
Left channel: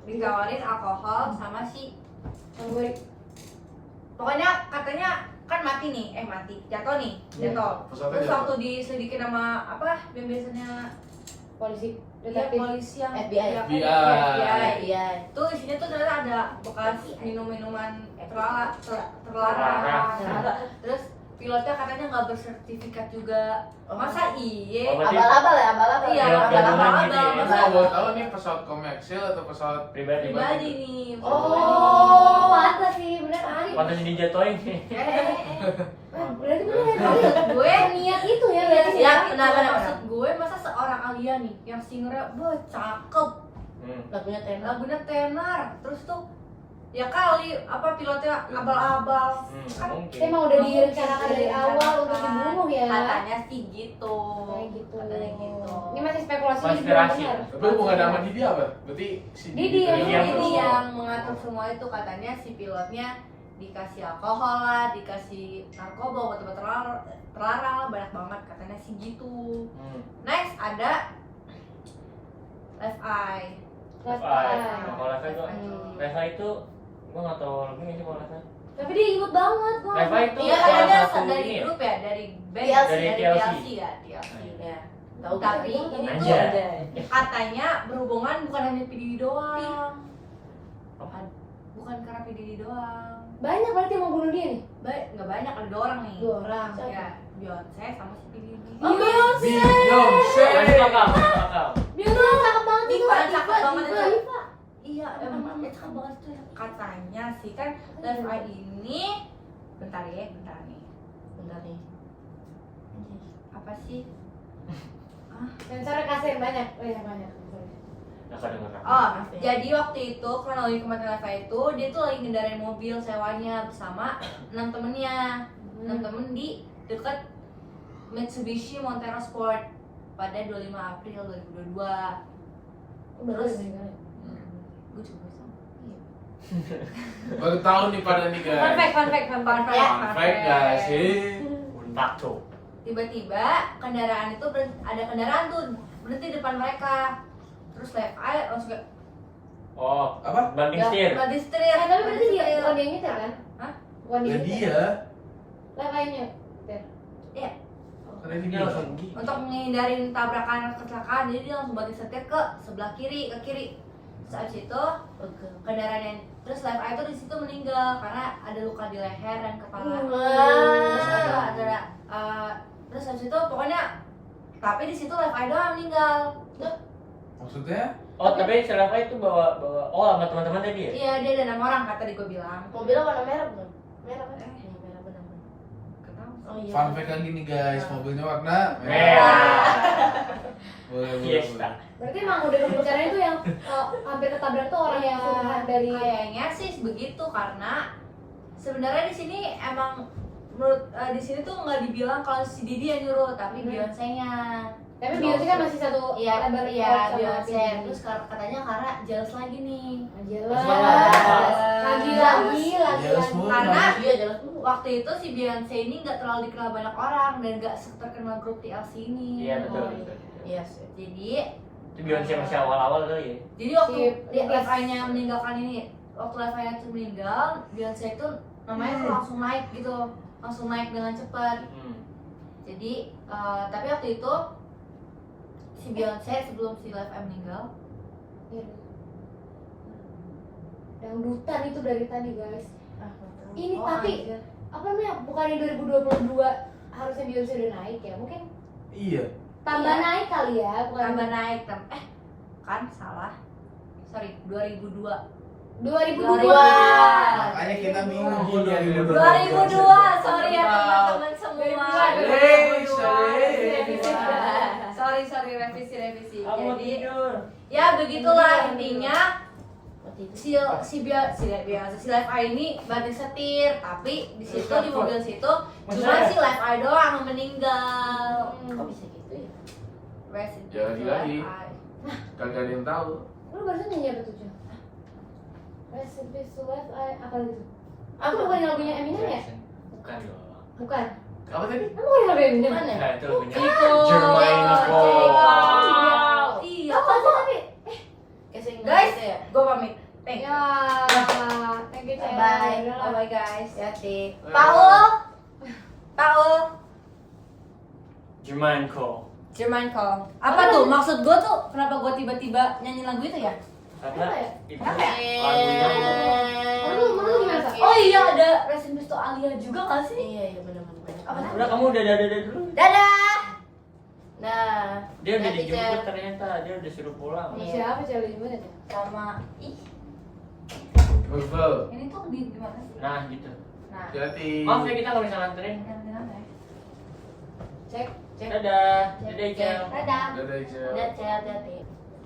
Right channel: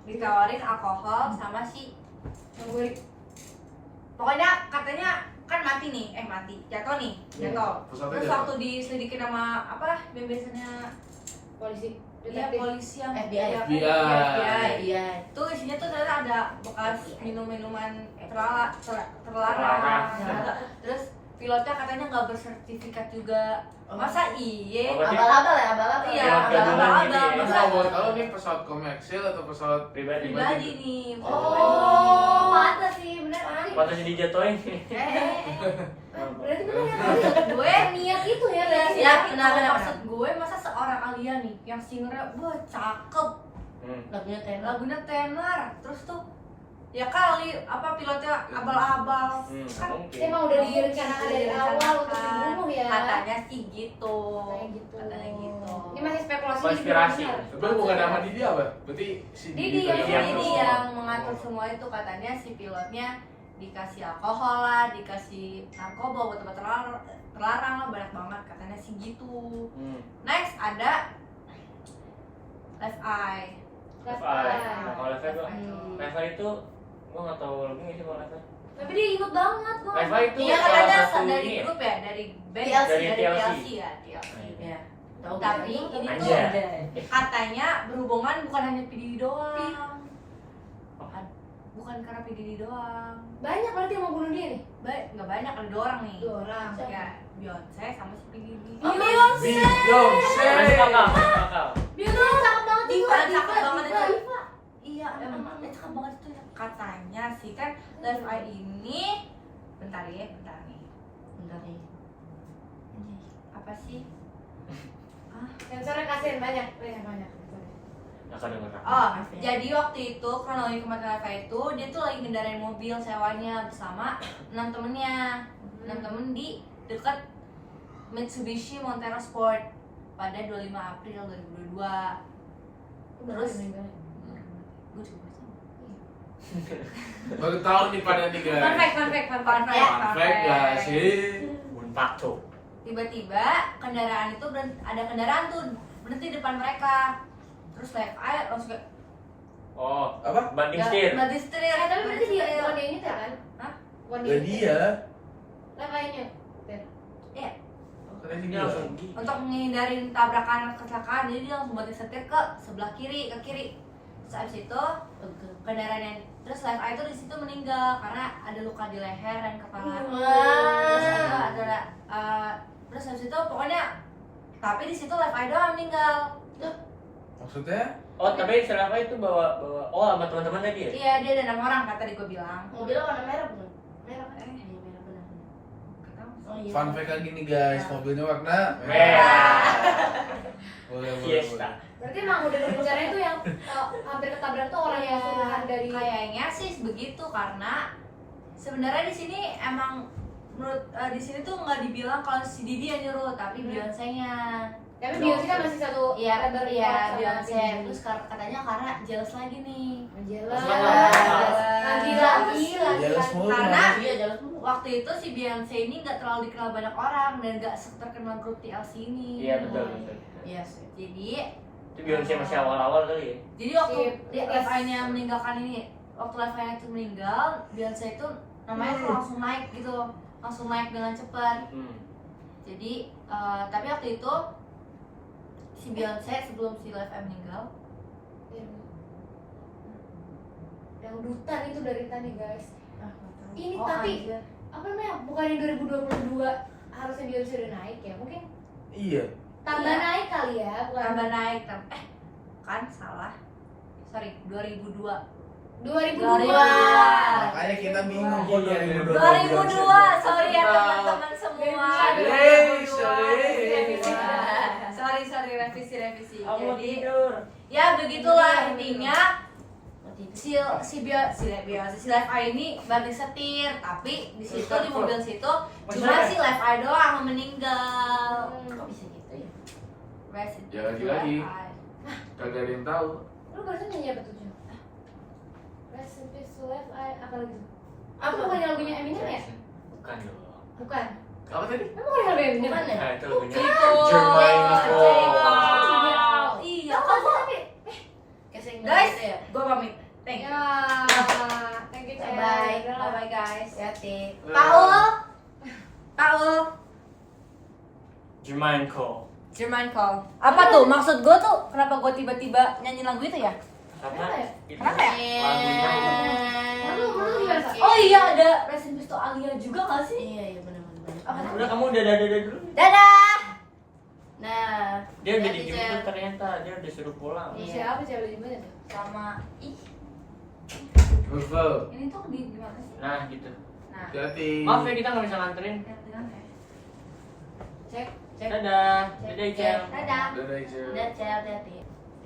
ditawarin alkohol sama si Favorit. pokoknya katanya kan jatuh nih jatuh. Pesawatnya Terus jatuh. waktu diselidikin sama yang biasanya Polisi. dia Detektif. polisi yang FBI. ya, FBI. Iya. Tuh isinya tuh ternyata ada bekas minuman terlarang. Terlarang. Terus pilotnya katanya nggak bersertifikat juga. Masa iya? Oh, berarti Abal-abal ya, abal-abal. Iya, pilot gabungan abal-abal. gitu ya? Ini Masa mau tahu nih pesawat komersil atau pesawat pribadi. pribadi nih. Oh, mantap sih, bener kan? Waktu jadi jatuhin. Berarti bener ya tadi. Gue Niat itu ya berarti. ya, Ya, nah, maksud gue masa seorang Alia nih yang singernya cakep, Lagunya tenor. lagunya tenar, terus tuh ya kali pilotnya abal-abal. Kan Mungkin. Emang udah direncanakan dari awal untuk dibunuh ya. katanya sih gitu. Kayak gitu. Katanya gitu. Ini masih spekulasi. Konspirasi. benar. Tapi bukan nama Didi apa? Berarti si Didi. tadi Iya, Jadi betul. yang mengatur semua itu katanya si pilotnya dikasih alkohol lah, dikasih narkoba, obat-obat terlarang lah, banyak banget katanya sih gitu. Next ada Left Eye. Left Left Eye. Eye. Nah, kalau Left Eye tuh- Leva itu gua nggak tahu lebih nggak sih kalau Leva. Tapi dia inget banget gua. Leva itu Iya salah katanya satu dari ini ya? grup ya, dari band, TLC. dari TLC. TLC ya, TLC. Iya. Tahu Tapi gak? ini tuh Anjay. katanya berhubungan bukan hanya PDD doang. Bukan karena PDD doang. Banyak berarti yang mau bunuh dia nih. Nggak banyak, ada 2 orang nih. 2 orang. Ya, Beyonce sama si PDD. Oh, Beyonce. Beyonce. Masih kakak. Beyonce cakep banget Diva, Diva, cakep banget Diva, itu. Diva. Iya, emang cakep banget tuh. Katanya sih kan Left Eye ini bentar nih. Bentar nih. Apa sih? Sensornya kasihin banyak. Nggak kedengeran. Oh, Maaf ya. jadi waktu itu kronologi kematian Leva itu dia tuh lagi ngendarain mobil sewanya bersama 6 temennya. 6 temen di dekat Mitsubishi Montana Sport pada 25 April 2022. Terus gue juga sama. Baru tahu nih pada nih guys. Fun fact. Fun fact gak sih? Unpak tuh. Tiba-tiba kendaraan itu ada kendaraan tuh berhenti depan mereka. Terus Left Eye langsung kayak Oh, Apa? banding setir. berhenti setir. Tapi berarti dia bukan dia nyetir kan? Hah? Bukan Ya dia. Left Eye-nya. Iya. Karena ini Dia gila. langsung gini. Untuk menghindarin tabrakan kecelakaan, jadi dia langsung banting setir ke sebelah kiri, ke kiri. Terus abis itu kendaraan yang terus Left Eye itu di situ meninggal karena ada luka di leher dan kepala. Terus terus habis itu pokoknya tapi di situ Left Eye doang meninggal. Maksudnya? Oh, tapi Leva itu bawa sama teman-teman tadi ya? Iya, dia ada 6 orang kata di gue bilang. Mobilnya warna merah bukan? Merah kan? Eh. Iya, merah benar. Gak tahu. Oh iya. Fun fact lagi nih guys, mobilnya warna Merah. Boleh, boleh, Fiesta. Berarti emang udah rencana itu yang hampir ketabrak tuh orang yang suruhan dari Kayaknya sih begitu karena sebenarnya di sini emang menurut di sini tuh nggak dibilang kalau si Didi yang nyuruh tapi Beyonce-nya. Tapi Beyonce kan masih satu Iya, label iya, record sama Beyonce. P. Terus katanya karena jealous lagi nih. Jelas. Jelas. Jelas mulu. Karena Iya jelas tuh. waktu itu si Beyonce ini nggak terlalu dikenal banyak orang dan nggak terkenal grup TLC ini. Iya betul. Iya sih. Jadi Itu Beyonce masih awal-awal kali ya. Jadi waktu Si Live Eye-nya meninggalkan ini, waktu Live Eye itu meninggal, Beyonce itu namanya tuh langsung naik gitu, langsung naik dengan cepat. Jadi tapi waktu itu si Beyonce sebelum si Live Eye meninggal, Yang dutan itu dari tadi guys. Ini oh, tapi anjir. apa namanya? Bukannya 2022 harusnya Beyonce udah naik ya? Mungkin Iya. tambah Iya. naik kali ya, bukan tambah naik kan salah. Sorry, 2002. 2002. Makanya kita bingung kok 2002, sorry ya teman-teman semua. Sorry, revisi. Jadi ya begitulah intinya. Si Live Eye ini banting setir, tapi di situ di mobil situ cuma si Live Eye doang yang meninggal. Kok bisa gitu ya? Rest in Jangan peace, lagi. Live Eye. Kagak ada yang tahu. Lu barusan nyanyi apa tuh, Jun? Rest in peace to Live Eye, apa gitu? Apa? Itu bukan lagunya Eminem ya? Bukan dong. Bukan. Apa tadi? Emang bukan lagu Eminem? Gimana ya? Nah, itu lagunya Ciko. Jermaine Cole. Iya, Apa sih tapi? Kayak sering guys, gitu ya. gue pamit. Thank you. Ya, thank you, Cel. Bye. Udah lah. guys. Hati. Paul. Jermaine Cole. Jermaine Cole. Apa tuh? Maksud gue tuh kenapa gue tiba-tiba nyanyi lagu itu ya? Karena Apa ya? itu Eh. lagunya Lu gimana, Pak? Oh iya, ada Rest in Peace to Alia juga gak sih? Iya benar-benar. Apa tuh? udah kamu udah dadah dulu. Dadah. Nah, Dia udah Hati, dijemput Cel. ternyata, dia udah suruh pulang. Iya. Siapa Cel lu jemput aja? Sama Novel. ini tuh di mana sih? Nah gitu. Nah, Hati-hati. Maaf ya kita nggak bisa nganterin. gantian ya. Cek. Dadah. Dadah Icel. Dadah. Dadah Icel. udah Cel, hati.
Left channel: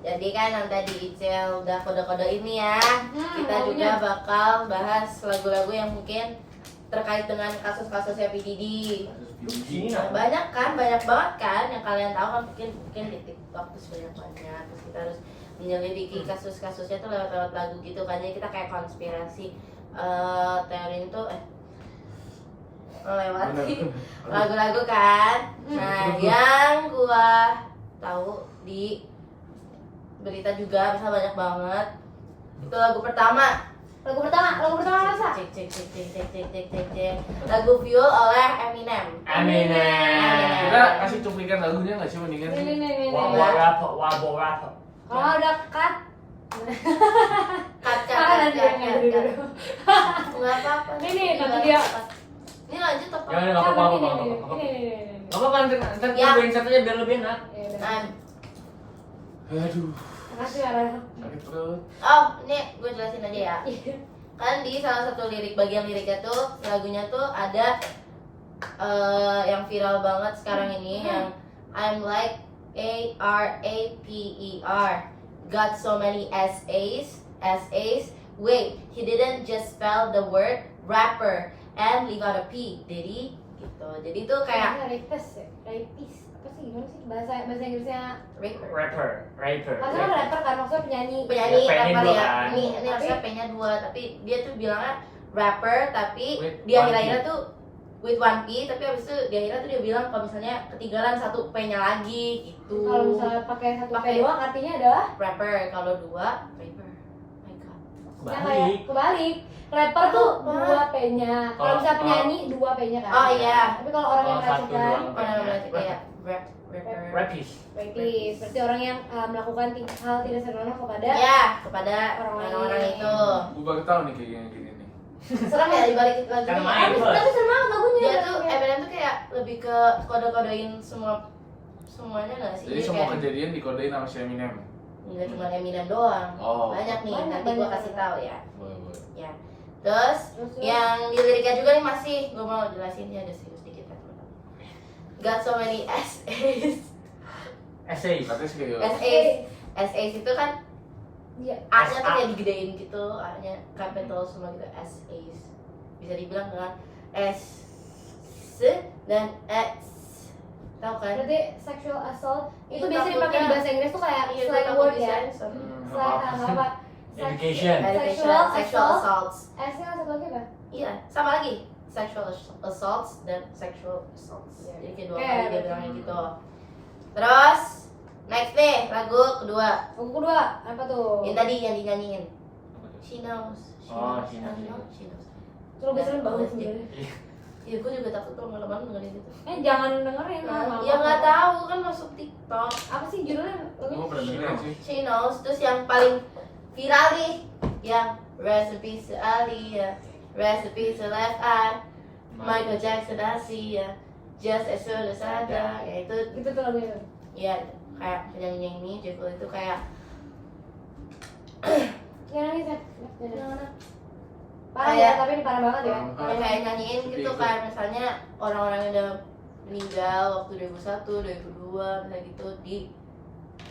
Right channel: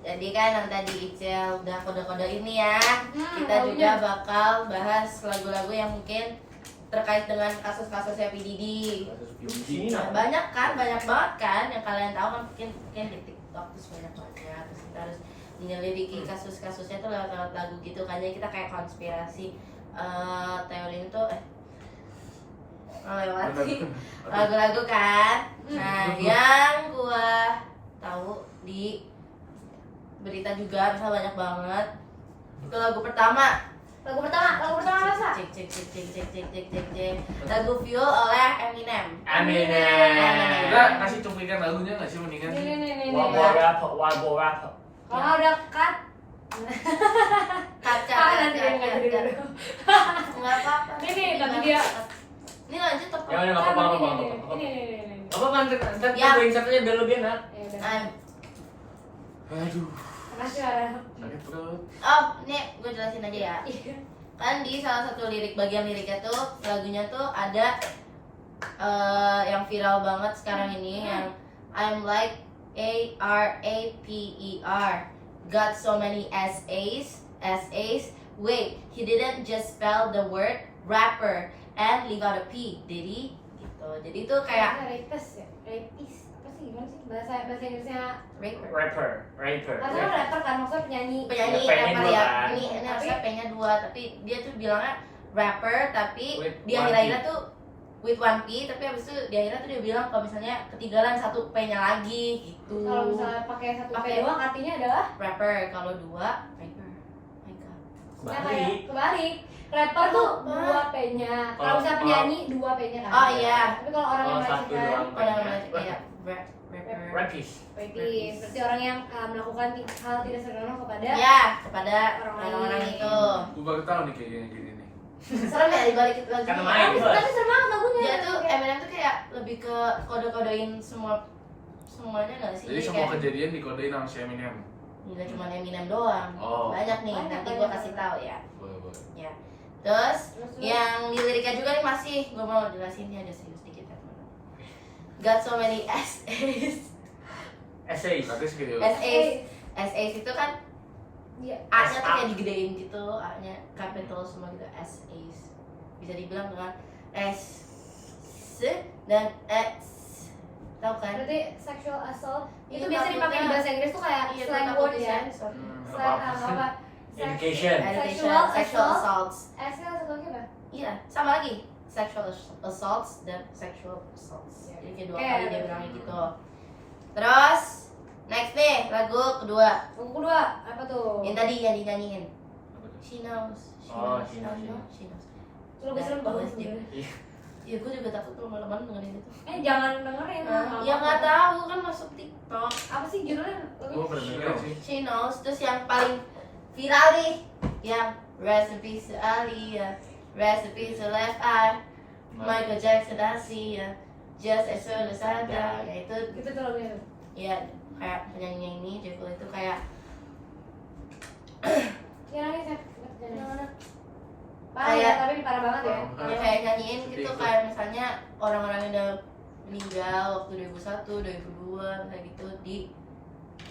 Jadi kan yang tadi Icel udah kode-kode ini ya. Kita lagunya. juga bakal bahas lagu-lagu yang mungkin terkait dengan kasus-kasus P. Diddy. Di sini nah. Banyak banget kan yang kalian tahu kan mungkin di TikTok terus banyak terus kita harus menyelidiki kasus-kasusnya tuh lewat lagu gitu kan, jadi kita kayak konspirasi teori itu melewati lagu-lagu kan. Nah yang gua tahu di berita juga bisa banyak banget itu lagu pertama Lagu pertama masa? cek. Lagu Fuel oleh Eminem. Kita kasih cuplikan lagunya nggak sih mendingan sih? Nih. Wabo rapper. Kalau ada cut, Cut. nanti dulu. Nggak apa-apa. Nih, nanti dia. Ini lanjut apa? Ya udah nggak apa-apa. Nih. Nggak apa-apa ntar Ya. kita insert aja biar lebih enak. Ya udah. Nah, Aduh, Makasih Ara. sakit perut. oh ini gue jelasin aja ya. Iya. Kan di salah satu bagian liriknya tuh lagunya tuh ada yang viral banget sekarang ini yang I'm like ARAPER, got so many SAs. Wait, he didn't just spell the word rapper and leave out a P, did he? Gitu. Jadi itu kayak rapist ya? Rapist. Apa sih gimana sih bahasa Inggrisnya? rapper. Rapper. Karena rapper kan maksudnya penyanyi. Penyanyi Ya, P-nya rapper dua ya. kan. Ini harusnya P-nya 2, tapi dia tuh bilangnya rapper tapi With di one akhir-akhirnya P. tuh with one P, tapi abis itu di akhirnya tuh dia bilang kalau misalnya ketinggalan satu P-nya lagi gitu. Kalau misalnya pakai satu P Pakai- doang artinya adalah rapper, kalau 2 rapper. My God. ya kayak Balik. kebalik. Rapper tuh 2 P-nya. Kalau Kalau- misalnya penyanyi 2 P-nya kan. Oh iya. Tapi kalau orang yang Kalau satu melakukan doang. Kalau P-nya. namanya kayak rapper. Rapist. rapist, berarti orang yang melakukan hal tidak senonoh kepada Ya, kepada Orang orang-orang lain. itu. Gue baru tahu nih kayak gini nih. Serem ya dibalik lagu Karena ini. main. tapi seru banget lagunya. Dia tuh Eminem tuh kayak lebih ke kode-kodein semuanya nggak sih? Jadi Jadi semua kayak- kejadian dikodein sama si Eminem. Nggak cuma Eminem doang. Oh. Banyak nih, Banyak, nanti gua banyak. kasih tahu ya. Boleh. Ya. Terus Terus, yang di liriknya juga nih masih gua mau jelasinnya aja sedikit ya. Got so many essays. Essays. Katanya serius. Essays itu kan Iya. A-nya tuh kayak digedein gitu, A-nya capital semua gitu, essays. Bisa dibilang dengan S dan S Tahu kan? Berarti sexual assault itu Itu biasa dipakai di takutnya- bahasa Inggris tuh kayak Iya, slang takut word ya. disensor. Slang apa? Education. Sexual Sexual assault. assaults. S-nya satu lagi apa? Iya, sama lagi. Sexual assaults dan sexual assaults. Iya. Jadi kedua Oke. kali dia bilangnya gitu. Terus next nih lagu kedua. Lagu kedua apa tuh? Yang tadi yang dinyanyiin. She knows. Oh, she knows. She knows. Terus biasanya bagus Bagus dia. sebenarnya. Iya, gue juga takut tuh malam-malam dengerin gitu. Jangan dengerin. Nah, ya nggak tahu kan masuk TikTok. Apa sih judulnya? Gue pernah dengerin sih. She knows. Terus yang paling viral nih, yang Recipe to Ali ya, Recipe to Left Eye, Michael Jackson Asi ya, Just as soon as I die. Ya itu Gitu tuh lagunya. ya kayak penyanyi ini J. Cole itu kayak Yang ini saya. yang mana? Parah Kayak- ya, tapi ini parah banget ya. Ya, kayak nyanyiin gitu Sedih. kayak misalnya orang-orang yang udah meninggal waktu 2001, 2002 kayak gitu di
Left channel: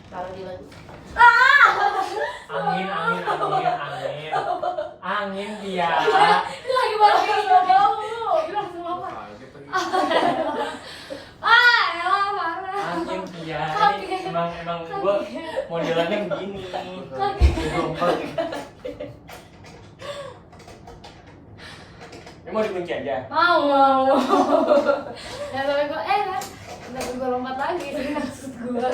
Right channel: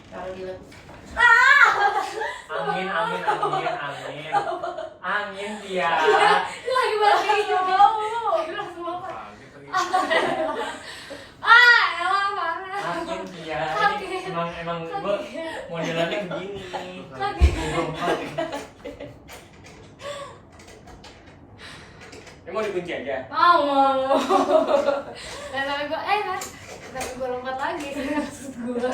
taruh di lagu. Angin, angin, angin, angin. Angin dia. Lagi banget kayak kamu. Bilang semua apa? Kaget lagi. Elah parah. Angin dia. Kaget. Ini emang gua modelannya begini. Ini mau dikunci aja. Mau. Dan sampai gue, kan sampai gue lompat lagi maksud gue.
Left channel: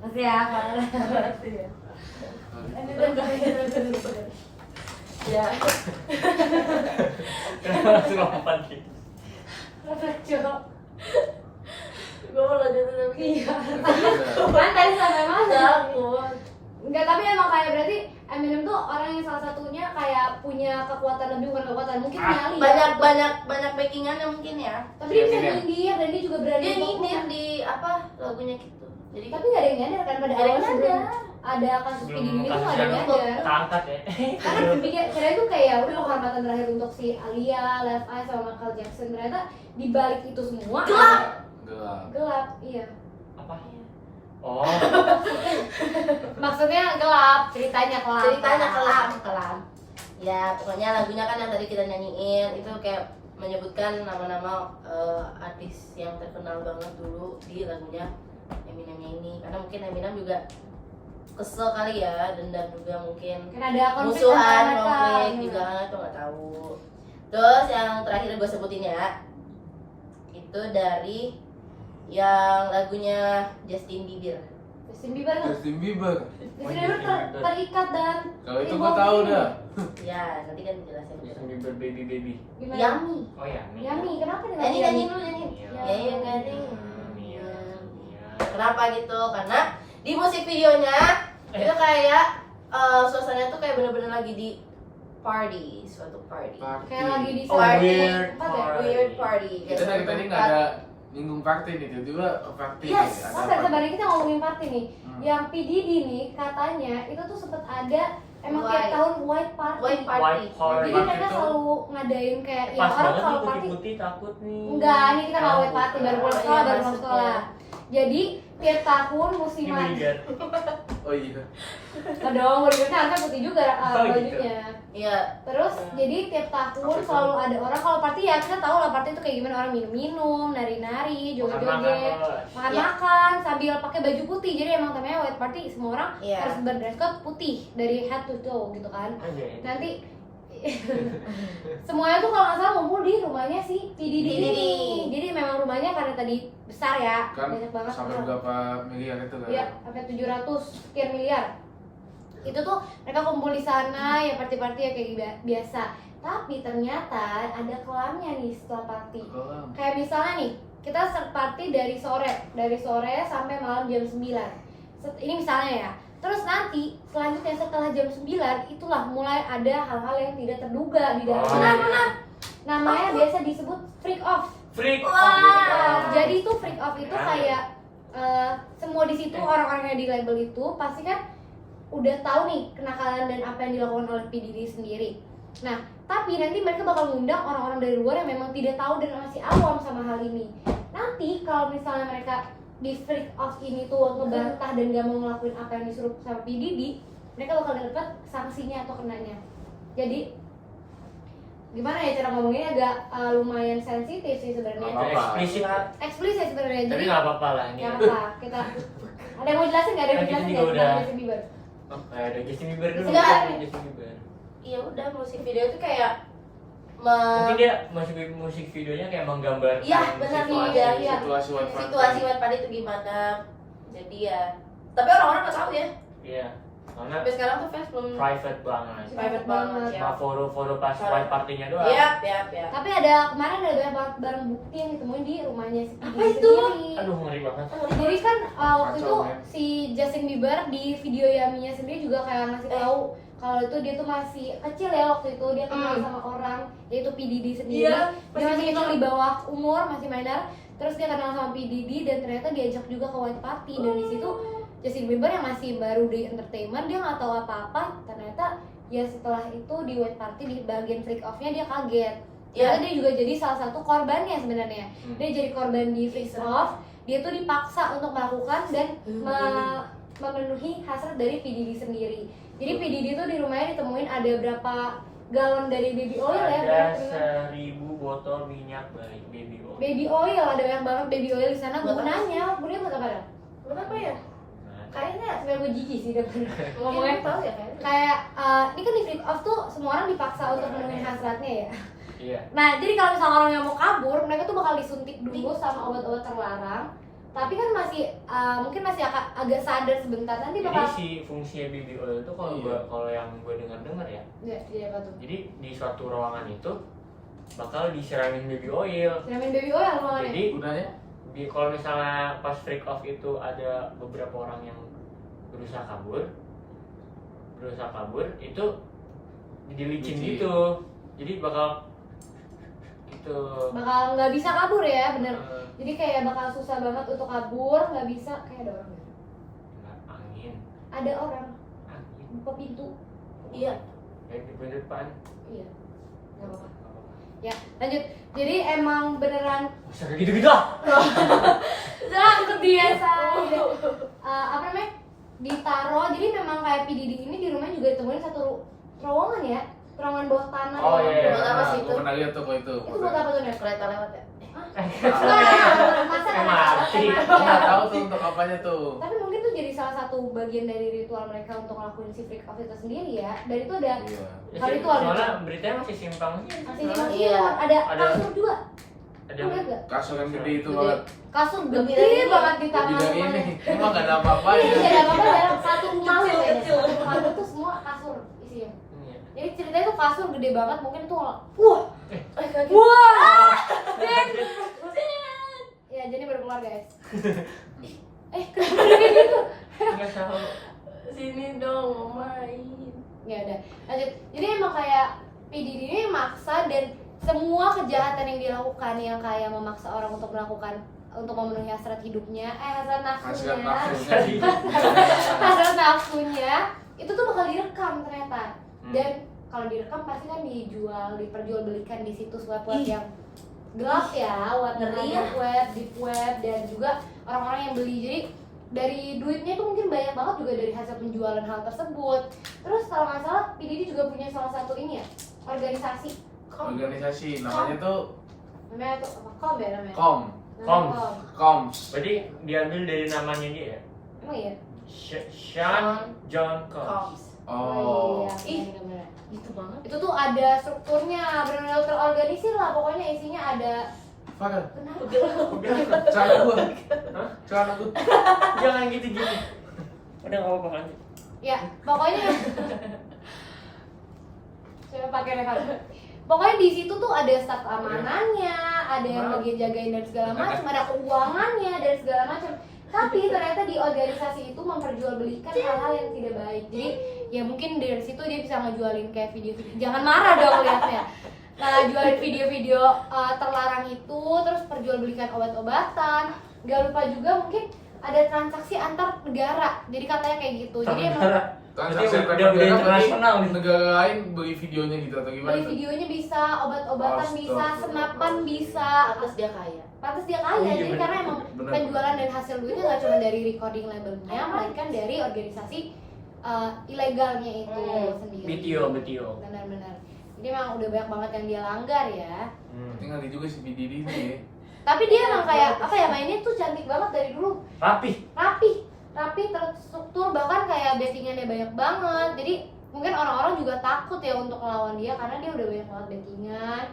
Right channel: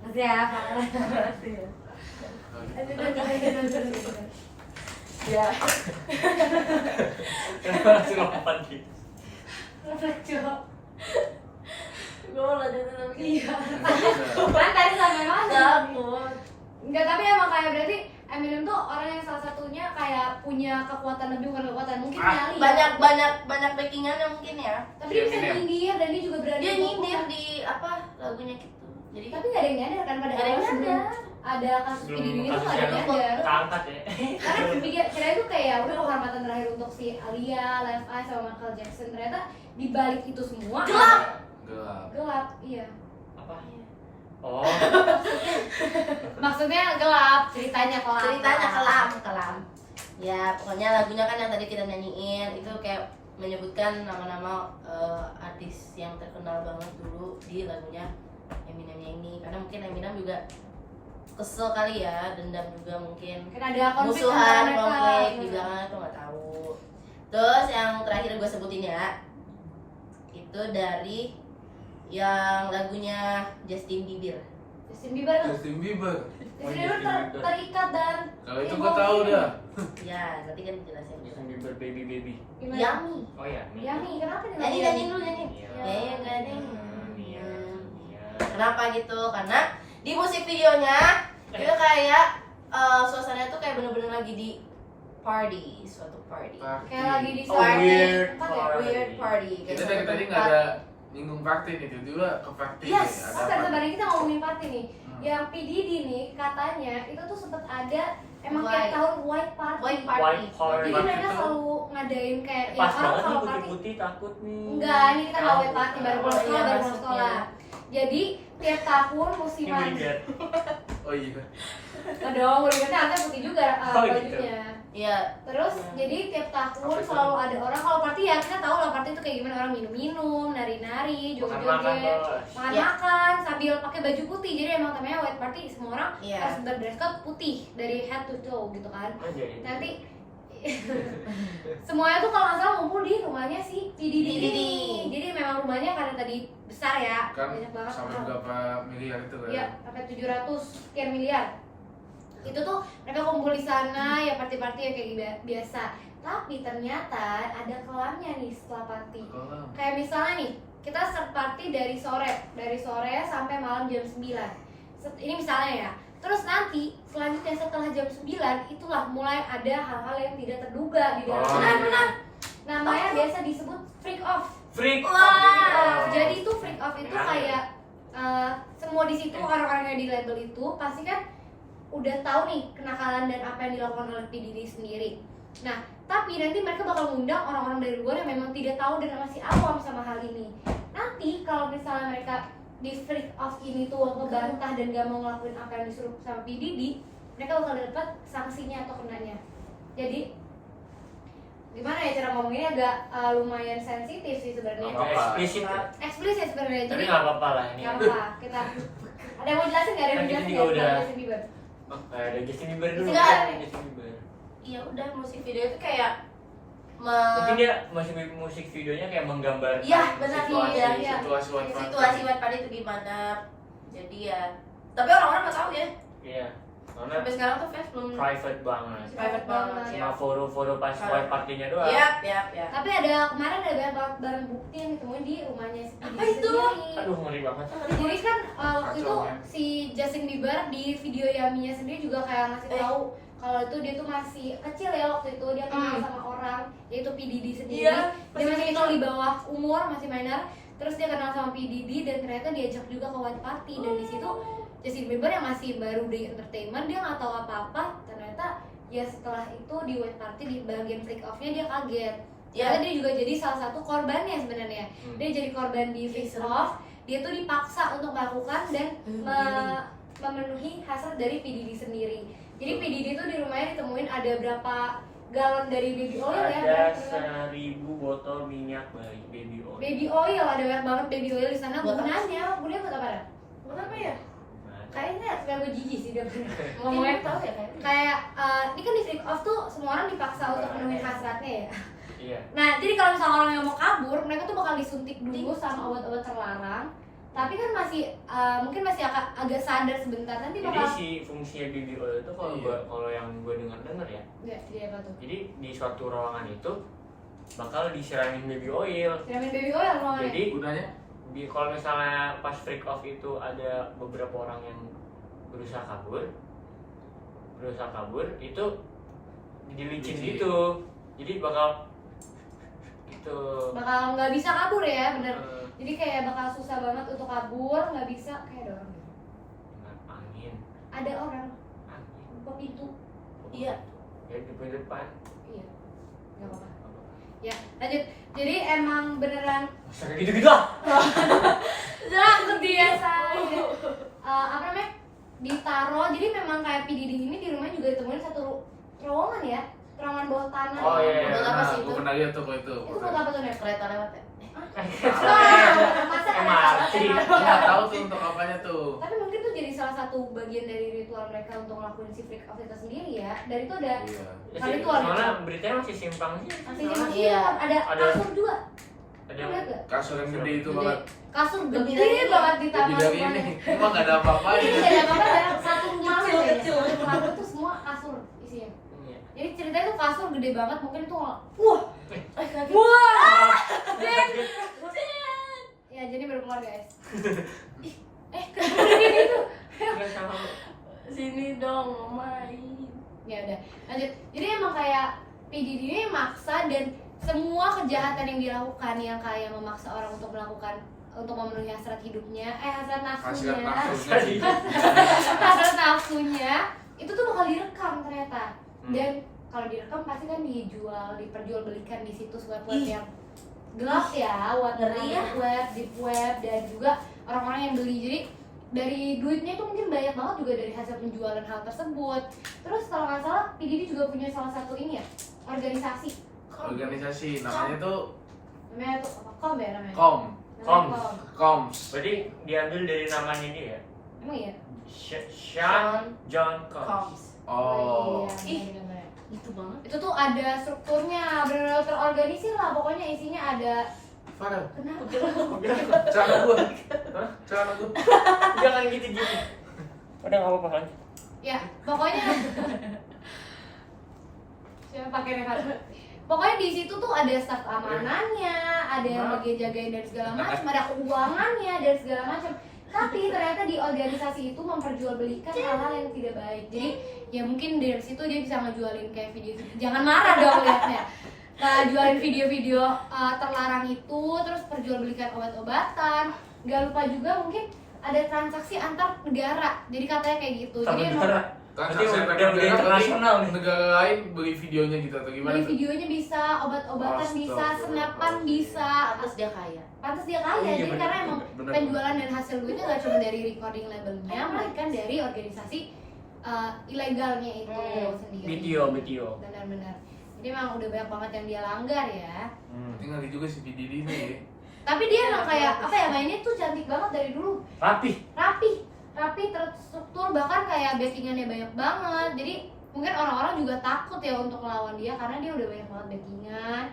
Masih ya, parah. Udah. Ya. Kenapa langsung lompat gitu? Cok. Gue mau lanjutin lagi. Iya. Kan tadi sampai mana? Takut. Enggak, tapi emang kayak berarti Eminem tuh orang yang salah satunya kayak punya kekuatan lebih, bukan kekuatan mungkin nyali. Banyak backingannya mungkin ya. Tapi dia bisa Eminem. nyindir dan dia juga berani Dia untuk nyindir buka. di apa lagunya gitu. Jadi Tapi nggak ada yang nyadar kan pada Nggak ada yang awal sebelum nyadar. ada kasus Sebelum ini tuh kasus nggak ada yang yang nyadar. keangkat ya. Karena pikir kira itu kayak udah penghormatan terakhir untuk si Alia, Left Eye sama Michael Jackson. Ternyata di balik itu semua Gelap. Gelap. gelap, iya. Apa? Oh, Maksudnya gelap, ceritanya gelap. ceritanya kelam. Ya pokoknya lagunya kan yang tadi kita nyanyiin itu kayak menyebutkan nama-nama artis yang terkenal banget dulu di lagunya Eminemnya ini. Karena mungkin Eminem juga kesel kali ya, dendam juga mungkin. Kan ada konflik Musuhan, antara mereka. konflik, dibilang aku nggak tahu. Terus yang terakhir gue sebutin ya, itu dari yang lagunya Justin Bieber. Justin Bieber tuh. Justin Bieber. Justin Bieber terikat dan Kalau itu gue tahu dah. Ya nanti kan dijelasin. Justin Bieber baby. gimana? Yummy. Oh ya, nih. Yummy, kenapa nih? Nyanyi dulu nyanyi. Iya. Ya ya nggak ada. Iya. Iya. Kenapa gitu? Karena di musik videonya itu kayak suasananya tuh kayak bener-bener lagi di party, suatu party. Kayak lagi di Oh, suatu weird apa party. deh? Weird party. Kita dari tadi nggak ada nyinggung party nih, tiba-tiba ke party. Yes, nih. oh tadi kita ngomongin party nih. Hmm. Yang P Diddy nih katanya itu tuh sempet ada emang tiap White. tahun white party. White party. White party. Jadi mereka Itu- selalu ngadain kayak ya Pas orang banget nih kalau party putih-putih takut nih. enggak, ini kita nggak white Oh, party baru pulang Oh, sekolah, iya, baru pulang maksudnya. sekolah. Jadi tiap tahun musiman Ini bodyguard. Oh iya. dong, bodyguardnya harusnya putih juga Oh, gitu. bajunya. Iya. Terus Iya. jadi tiap tahun Apa itu? selalu ada orang kalau party ya kita tahu lah party itu kayak gimana, orang minum-minum, nari-nari, Makan-makan, joget-joget, bos. makan-makan sambil pakai baju putih. Jadi emang namanya white party, semua orang Iya. harus berdress code putih dari head to toe gitu kan. Aja. Nanti semuanya tuh kalau nggak salah ngumpul di rumahnya si P Diddy P. Diddy. ini. Jadi memang rumahnya karena tadi besar ya, Kan banyak banget sampai orang. berapa miliar itu kan? Iya, sampai 700 sekian miliar. Itu tuh mereka kumpul di sana ya, party-party ya kayak biasa. Tapi ternyata ada kelamnya nih setelah party. Kolam. Kayak misalnya nih, kita start party dari sore sampai malam jam 9. Ini misalnya ya. Terus nanti selanjutnya setelah jam 9 itulah mulai ada hal-hal yang tidak terduga di dalam. Oh. Benar. Namanya biasa disebut freak off. Freak. Wah, jadi tuh freak off itu Benar. kayak semua di situ orang-orang yang di label itu pasti kan udah tahu nih kenakalan dan apa yang dilakukan oleh P Diddy sendiri. Nah, tapi nanti mereka bakal ngundang orang-orang dari luar yang memang tidak tahu dan masih awam sama hal ini. Nanti kalau misalnya mereka di freak off ini tuh ngebantah dan gak mau ngelakuin apa yang disuruh sama P Diddy, mereka bakal dapat sanksinya atau kenanya. Jadi gimana ya cara ngomongnya agak lumayan sensitif sih sebenarnya. Apa-apa. Eksplisit sebenarnya. Tapi Jadi nggak apa-apa lah ini. nggak apa, kita ada yang mau jelasin nggak? Ada yang Kan mau kita jelasin juga nggak udah. tentang Justin Bieber? Ada Justin Bieber dulu. Enggak. Justin Bieber. Iya udah, musik video itu kayak Mungkin dia musik videonya kayak menggambarkan Iya, benar, situasi. iya. Situasi situasi Wattpad itu gimana. Jadi ya, tapi orang-orang nggak tahu ya. Iya. Karena Sampai sekarang tuh fans belum private banget. private banget ya. Cuma foto-foto pas wife partinya doang. Iya. Tapi ada kemarin ada barang bukti yang ditemuin di rumahnya si Apa Didi itu? sendiri. Aduh ngeri banget. Jadi kan waktu itu Kacau, ya. si Justin Bieber di video Yaminya sendiri juga kayak ngasih tahu kalau itu dia tuh masih kecil ya waktu itu, dia kenal sama orang yaitu P Diddy sendiri. Iya, Dia masih kecil di bawah umur, masih minor. Terus dia kenal sama P Diddy dan ternyata diajak juga ke white party, dan di situ Justin Bieber yang masih baru di entertainment, dia nggak tahu apa-apa. Ternyata ya setelah itu di white party di bagian freak off-nya dia kaget. Ternyata dia juga jadi salah satu korbannya sebenarnya. Dia jadi korban di freak off. Dia tuh dipaksa untuk melakukan dan memenuhi hasrat dari P Diddy sendiri. Jadi P Diddy tuh di rumahnya ditemuin ada berapa galon dari baby oil ya? Ada 1000 botol minyak baby oil. Baby oil, ada banyak banget baby oil di sana. Buat apa Gunanya buat apa dah? Kenapa ya? Kayaknya Sebenarnya gue jijik sih dapetnya. ngomongnya tahu ya kayaknya. Kayak ini kan di freak off tuh semua orang dipaksa untuk memenuhi hasratnya ya. Iya. Nah, jadi kalau misalnya orang yang mau kabur, mereka tuh bakal disuntik dulu sama obat-obat terlarang. Tapi kan masih mungkin masih agak sadar sebentar, nanti Jadi bakal si fungsinya baby oil itu kalau yang gue dengar ya. ya, jadi apa tuh? Jadi di suatu ruangan itu bakal disiramin baby oil. Siramin baby oil ruangannya. Jadi Gunanya? kalau misalnya pas freak off itu ada beberapa orang yang berusaha kabur itu dilicin Licin. gitu. Jadi bakal gitu. Bakal nggak bisa kabur ya, bener. Eh, Jadi kayak bakal susah banget untuk kabur, nggak bisa. Kayak ada orang ya? nggak, angin Ada orang buka pintu. Iya. ya di depan. Iya, nggak apa-apa. Ya, lanjut. Jadi emang beneran Masa kayak gitu-gitu ah? nah kebiasa apa namanya ditaro. Jadi memang kayak P Diddy ini di rumah juga ditemuin satu terowongan ya, terowongan bawah tanah. Oh, iya. Buat apa sih Gue itu? pernah lihat tuh kok itu. Itu buat apa tuh Nek? Kereta lewat ya? Masa MRT. Nggak tahu tuh untuk apanya tuh. Tapi mungkin tuh jadi salah satu bagian dari ritual mereka untuk ngelakuin si freak off itu sendiri ya. Dari itu ada Iya. Kali itu ada. Soalnya beritanya masih simpang sih. masih Iya. ada Ada. kasur juga. Ada Ada gak? Kasur yang gede itu Gede. banget. Kasur Lebih gede dari banget di Lebih tangan dari rumahnya. ini. Emang nggak ada apa-apanya. Ini tidak apa-apa dalam satu rumah Kecil, kayaknya. kecil. Satu rumah itu tuh semua kasur isinya. Iya. Jadi ceritanya tuh kasur gede banget, mungkin itu wah, Wah. ya jadi baru keluar guys. Kenapa udah kayak gitu? Nggak tahu. Sini dong main. Ya udah, lanjut. Jadi emang kayak P Diddy ini maksa, dan semua kejahatan yang dilakukan yang kayak memaksa orang untuk melakukan untuk memenuhi hasrat hidupnya, hasrat Hasrat nafsunya, nafsunya sih. hasrat nafsunya itu tuh bakal direkam ternyata. Hmm. Dan kalau direkam pasti kan dijual, diperjualbelikan di situs web-web Ih. yang gelap ya, Ngeri ya. web, deep web, dan juga orang-orang yang beli. Jadi dari duitnya itu mungkin banyak banget juga dari hasil penjualan hal tersebut. Terus kalau nggak salah, P Diddy juga punya salah satu ini ya, organisasi. Organisasi namanya tuh Namanya tuh apa? KOM ya namanya? KOM. Namanya KOMS. Berarti diambil dari namanya dia ya? Emang iya? Sean John Combs. Oh. Iya, bener-bener. Itu banget. Itu tuh ada strukturnya, benar-benar terorganisir lah. Pokoknya isinya ada. Farel, Kenapa? celana gua. Celana gua. Jangan gitu. Udah nggak apa-apa lanjut. Ya, pokoknya saya pakai rehat. Pokoknya di situ tuh ada staf keamanannya, ada yang bagian jagain dan segala macam, ada keuangannya dan segala macam. Tapi ternyata di organisasi itu memperjualbelikan hal-hal yang tidak baik. Jadi ya mungkin dari situ dia bisa ngejualin kayak video-video. Jangan marah dong liatnya. Jualin video-video terlarang itu, terus perjualbelikan obat-obatan. Gak lupa juga mungkin ada transaksi antar negara. Jadi katanya kayak gitu. Jadi emang Transaksi Berarti antar udah negara internasional berarti nih. negara lain beli videonya gitu atau gimana beli tuh? videonya bisa, obat-obatan bisa, Astagfirullah. senapan bisa. Pantes dia kaya. Pantes dia kaya, Oh, iya, jadi bener, karena emang bener. penjualan dan hasil duitnya gak cuma dari recording labelnya, melainkan dari organisasi ilegalnya itu sendiri. BTO. Benar-benar. Jadi emang udah banyak banget yang dia langgar ya. Tinggal juga si P Diddy nih. Tapi dia emang kayak apa ya, mainnya tuh cantik banget dari dulu. Rapi terstruktur, bahkan kayak backingannya banyak banget. Jadi mungkin orang-orang juga takut ya untuk melawan dia karena dia udah banyak banget backingan,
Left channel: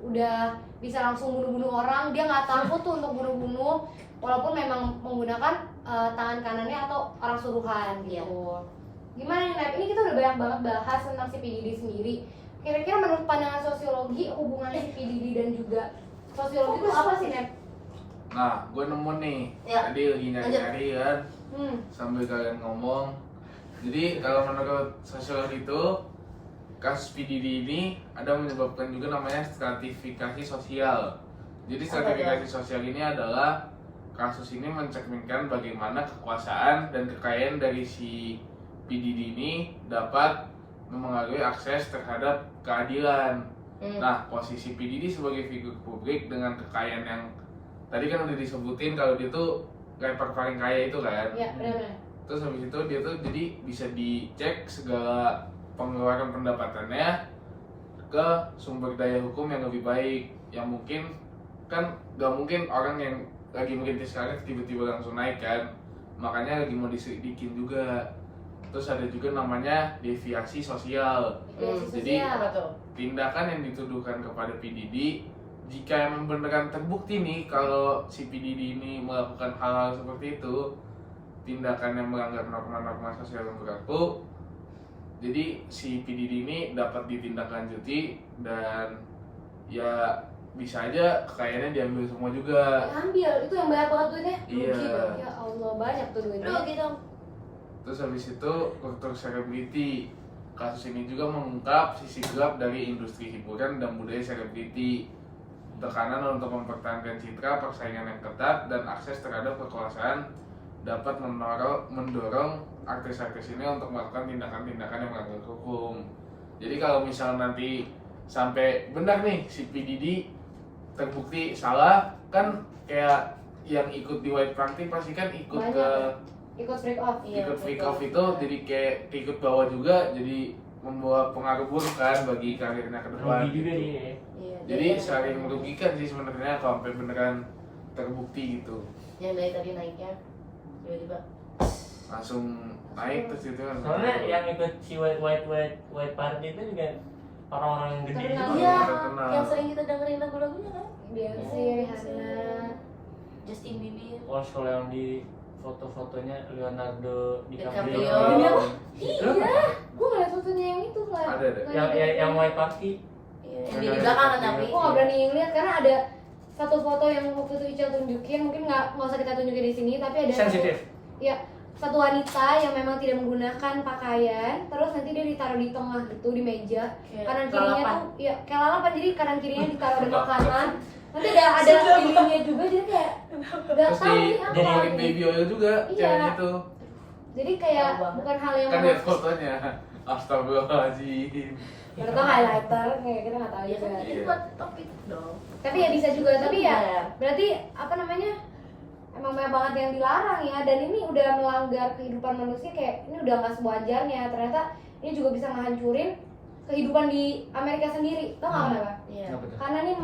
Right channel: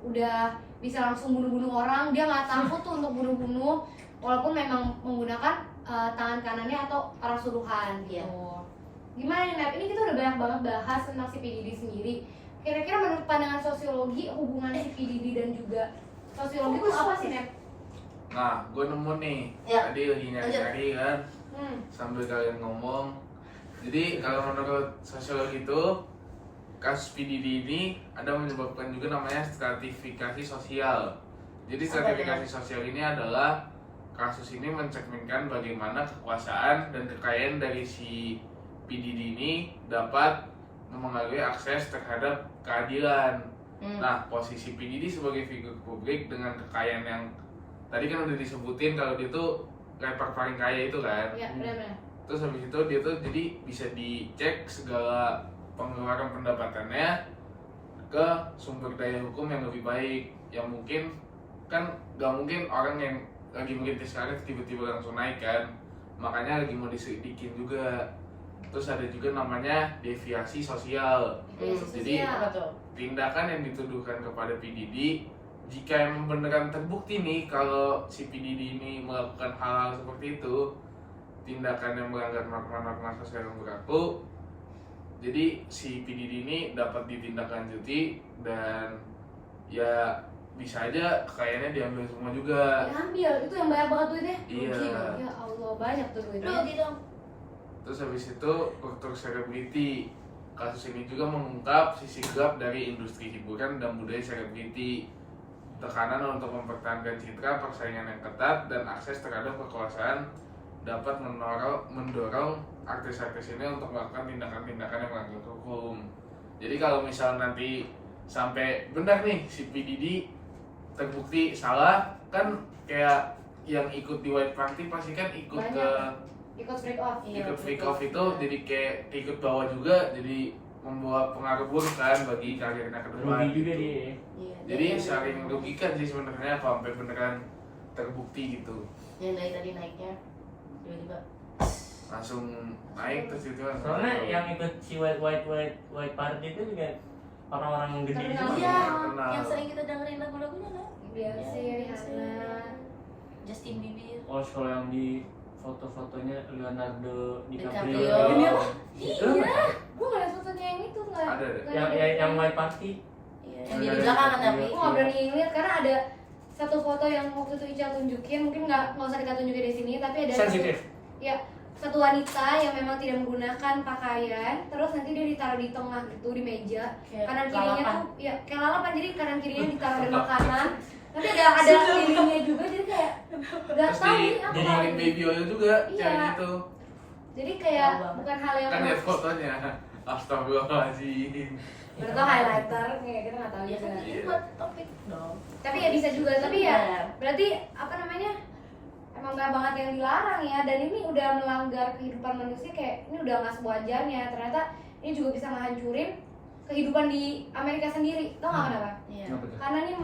udah bisa langsung bunuh-bunuh orang. Dia nggak takut tuh untuk bunuh-bunuh walaupun memang menggunakan tangan kanannya atau orang suruhan gitu. Gimana nih Nep? Ini kita udah banyak banget bahas tentang si P Diddy sendiri. Kira-kira menurut pandangan sosiologi hubungannya si P Diddy dan juga sosiologi itu apa sih Nep? Nah, gue nemu nih. Ya. Tadi lagi nyari-nyari kan. Sambil kalian ngomong. Jadi kalau menurut sosiologi itu kasus P Diddy ini ada menyebabkan juga namanya stratifikasi sosial. Jadi stratifikasi sosial ini adalah kasus ini mencerminkan bagaimana kekuasaan dan kekayaan dari si P Diddy ini dapat memengaruhi akses terhadap keadilan. Nah, posisi P Diddy sebagai figur publik dengan kekayaan yang tadi kan udah disebutin kalau dia tuh rapper paling kaya itu kan. Ya, benar-benar. Terus habis itu dia tuh jadi bisa dicek segala pengeluaran pendapatannya ke sumber daya hukum yang lebih baik. Yang mungkin kan gak mungkin orang yang lagi merintis karir tiba-tiba langsung naik kan. Makanya lagi mau diselidikin juga. Terus ada juga namanya deviasi sosial. Jadi tindakan yang dituduhkan kepada P Diddy jika emang beneran terbukti nih kalau si P Diddy ini melakukan hal-hal seperti itu, tindakan yang melanggar norma-norma sosial yang berlaku, jadi si P Diddy ini dapat ditindaklanjuti dan ya bisa aja kekayaannya diambil semua juga. Diambil, itu yang banyak banget duitnya. Iya. Ya Allah, banyak tuh duitnya. Gitu. Terus habis itu kultur selebriti. Kasus ini juga mengungkap sisi gelap dari industri hiburan dan budaya selebriti. Tekanan untuk mempertahankan citra, persaingan yang ketat, dan akses terhadap kekuasaan dapat mendorong artis-artis ini untuk melakukan tindakan-tindakan yang melanggar hukum. Jadi kalau misal nanti sampai benar nih si P Diddy terbukti salah, kan kayak yang ikut di White Party pasti kan ikut Banyak, ke ikut freak off. ikut freak off itu jadi kayak ikut bawah juga, jadi membawa pengaruh buruk kan bagi karirnya ke depan Rugi juga gitu. dia ya. Iya, Jadi saling merugikan sih sebenarnya kalau sampai beneran terbukti gitu. yang dari tadi naiknya tiba-tiba Langsung naik terus itu kan. Soalnya yang ikut si white party itu juga orang-orang yang gede Terkenal. juga. iya terkenal. yang sering kita dengerin lagu-lagunya kan Beyonce, Rihanna. Justin Bieber. Oh, kalau yang di foto-fotonya Leonardo DiCaprio. DiCaprio. Itu Gue gak liat fotonya yang itu nggak. Ada deh. yang white party. Iya, yang di belakang kan tapi Gue gak berani ngeliat karena ada satu foto yang waktu itu Ica tunjukin, mungkin nggak usah kita tunjukin di sini, tapi ada Sensitif. ya satu wanita yang memang tidak menggunakan pakaian, terus nanti dia ditaruh di tengah gitu di meja, Kayak kanan kirinya lalapan. tuh ya kayak lalapan, jadi kanan kirinya ditaruh di makanan, nanti ada lilinnya juga, jadi kayak nggak Terus tahu di ini apa. ngomongin baby oil juga Iya. ceweknya itu. Jadi kayak Tahu banget. bukan hal yang Kan lihat fotonya. Astagfirullahaladzim. atau highlighter kayak kita nggak tahu Iya juga. kan itu buat topik dong. Tapi ya bisa juga, tapi ya Iya. berarti apa namanya, emang banyak banget yang dilarang ya, dan ini udah melanggar kehidupan manusia, kayak ini udah nggak sewajarnya. Ternyata ini juga bisa ngehancurin kehidupan di Amerika sendiri. Tau nggak kenapa? Iya. Karena nih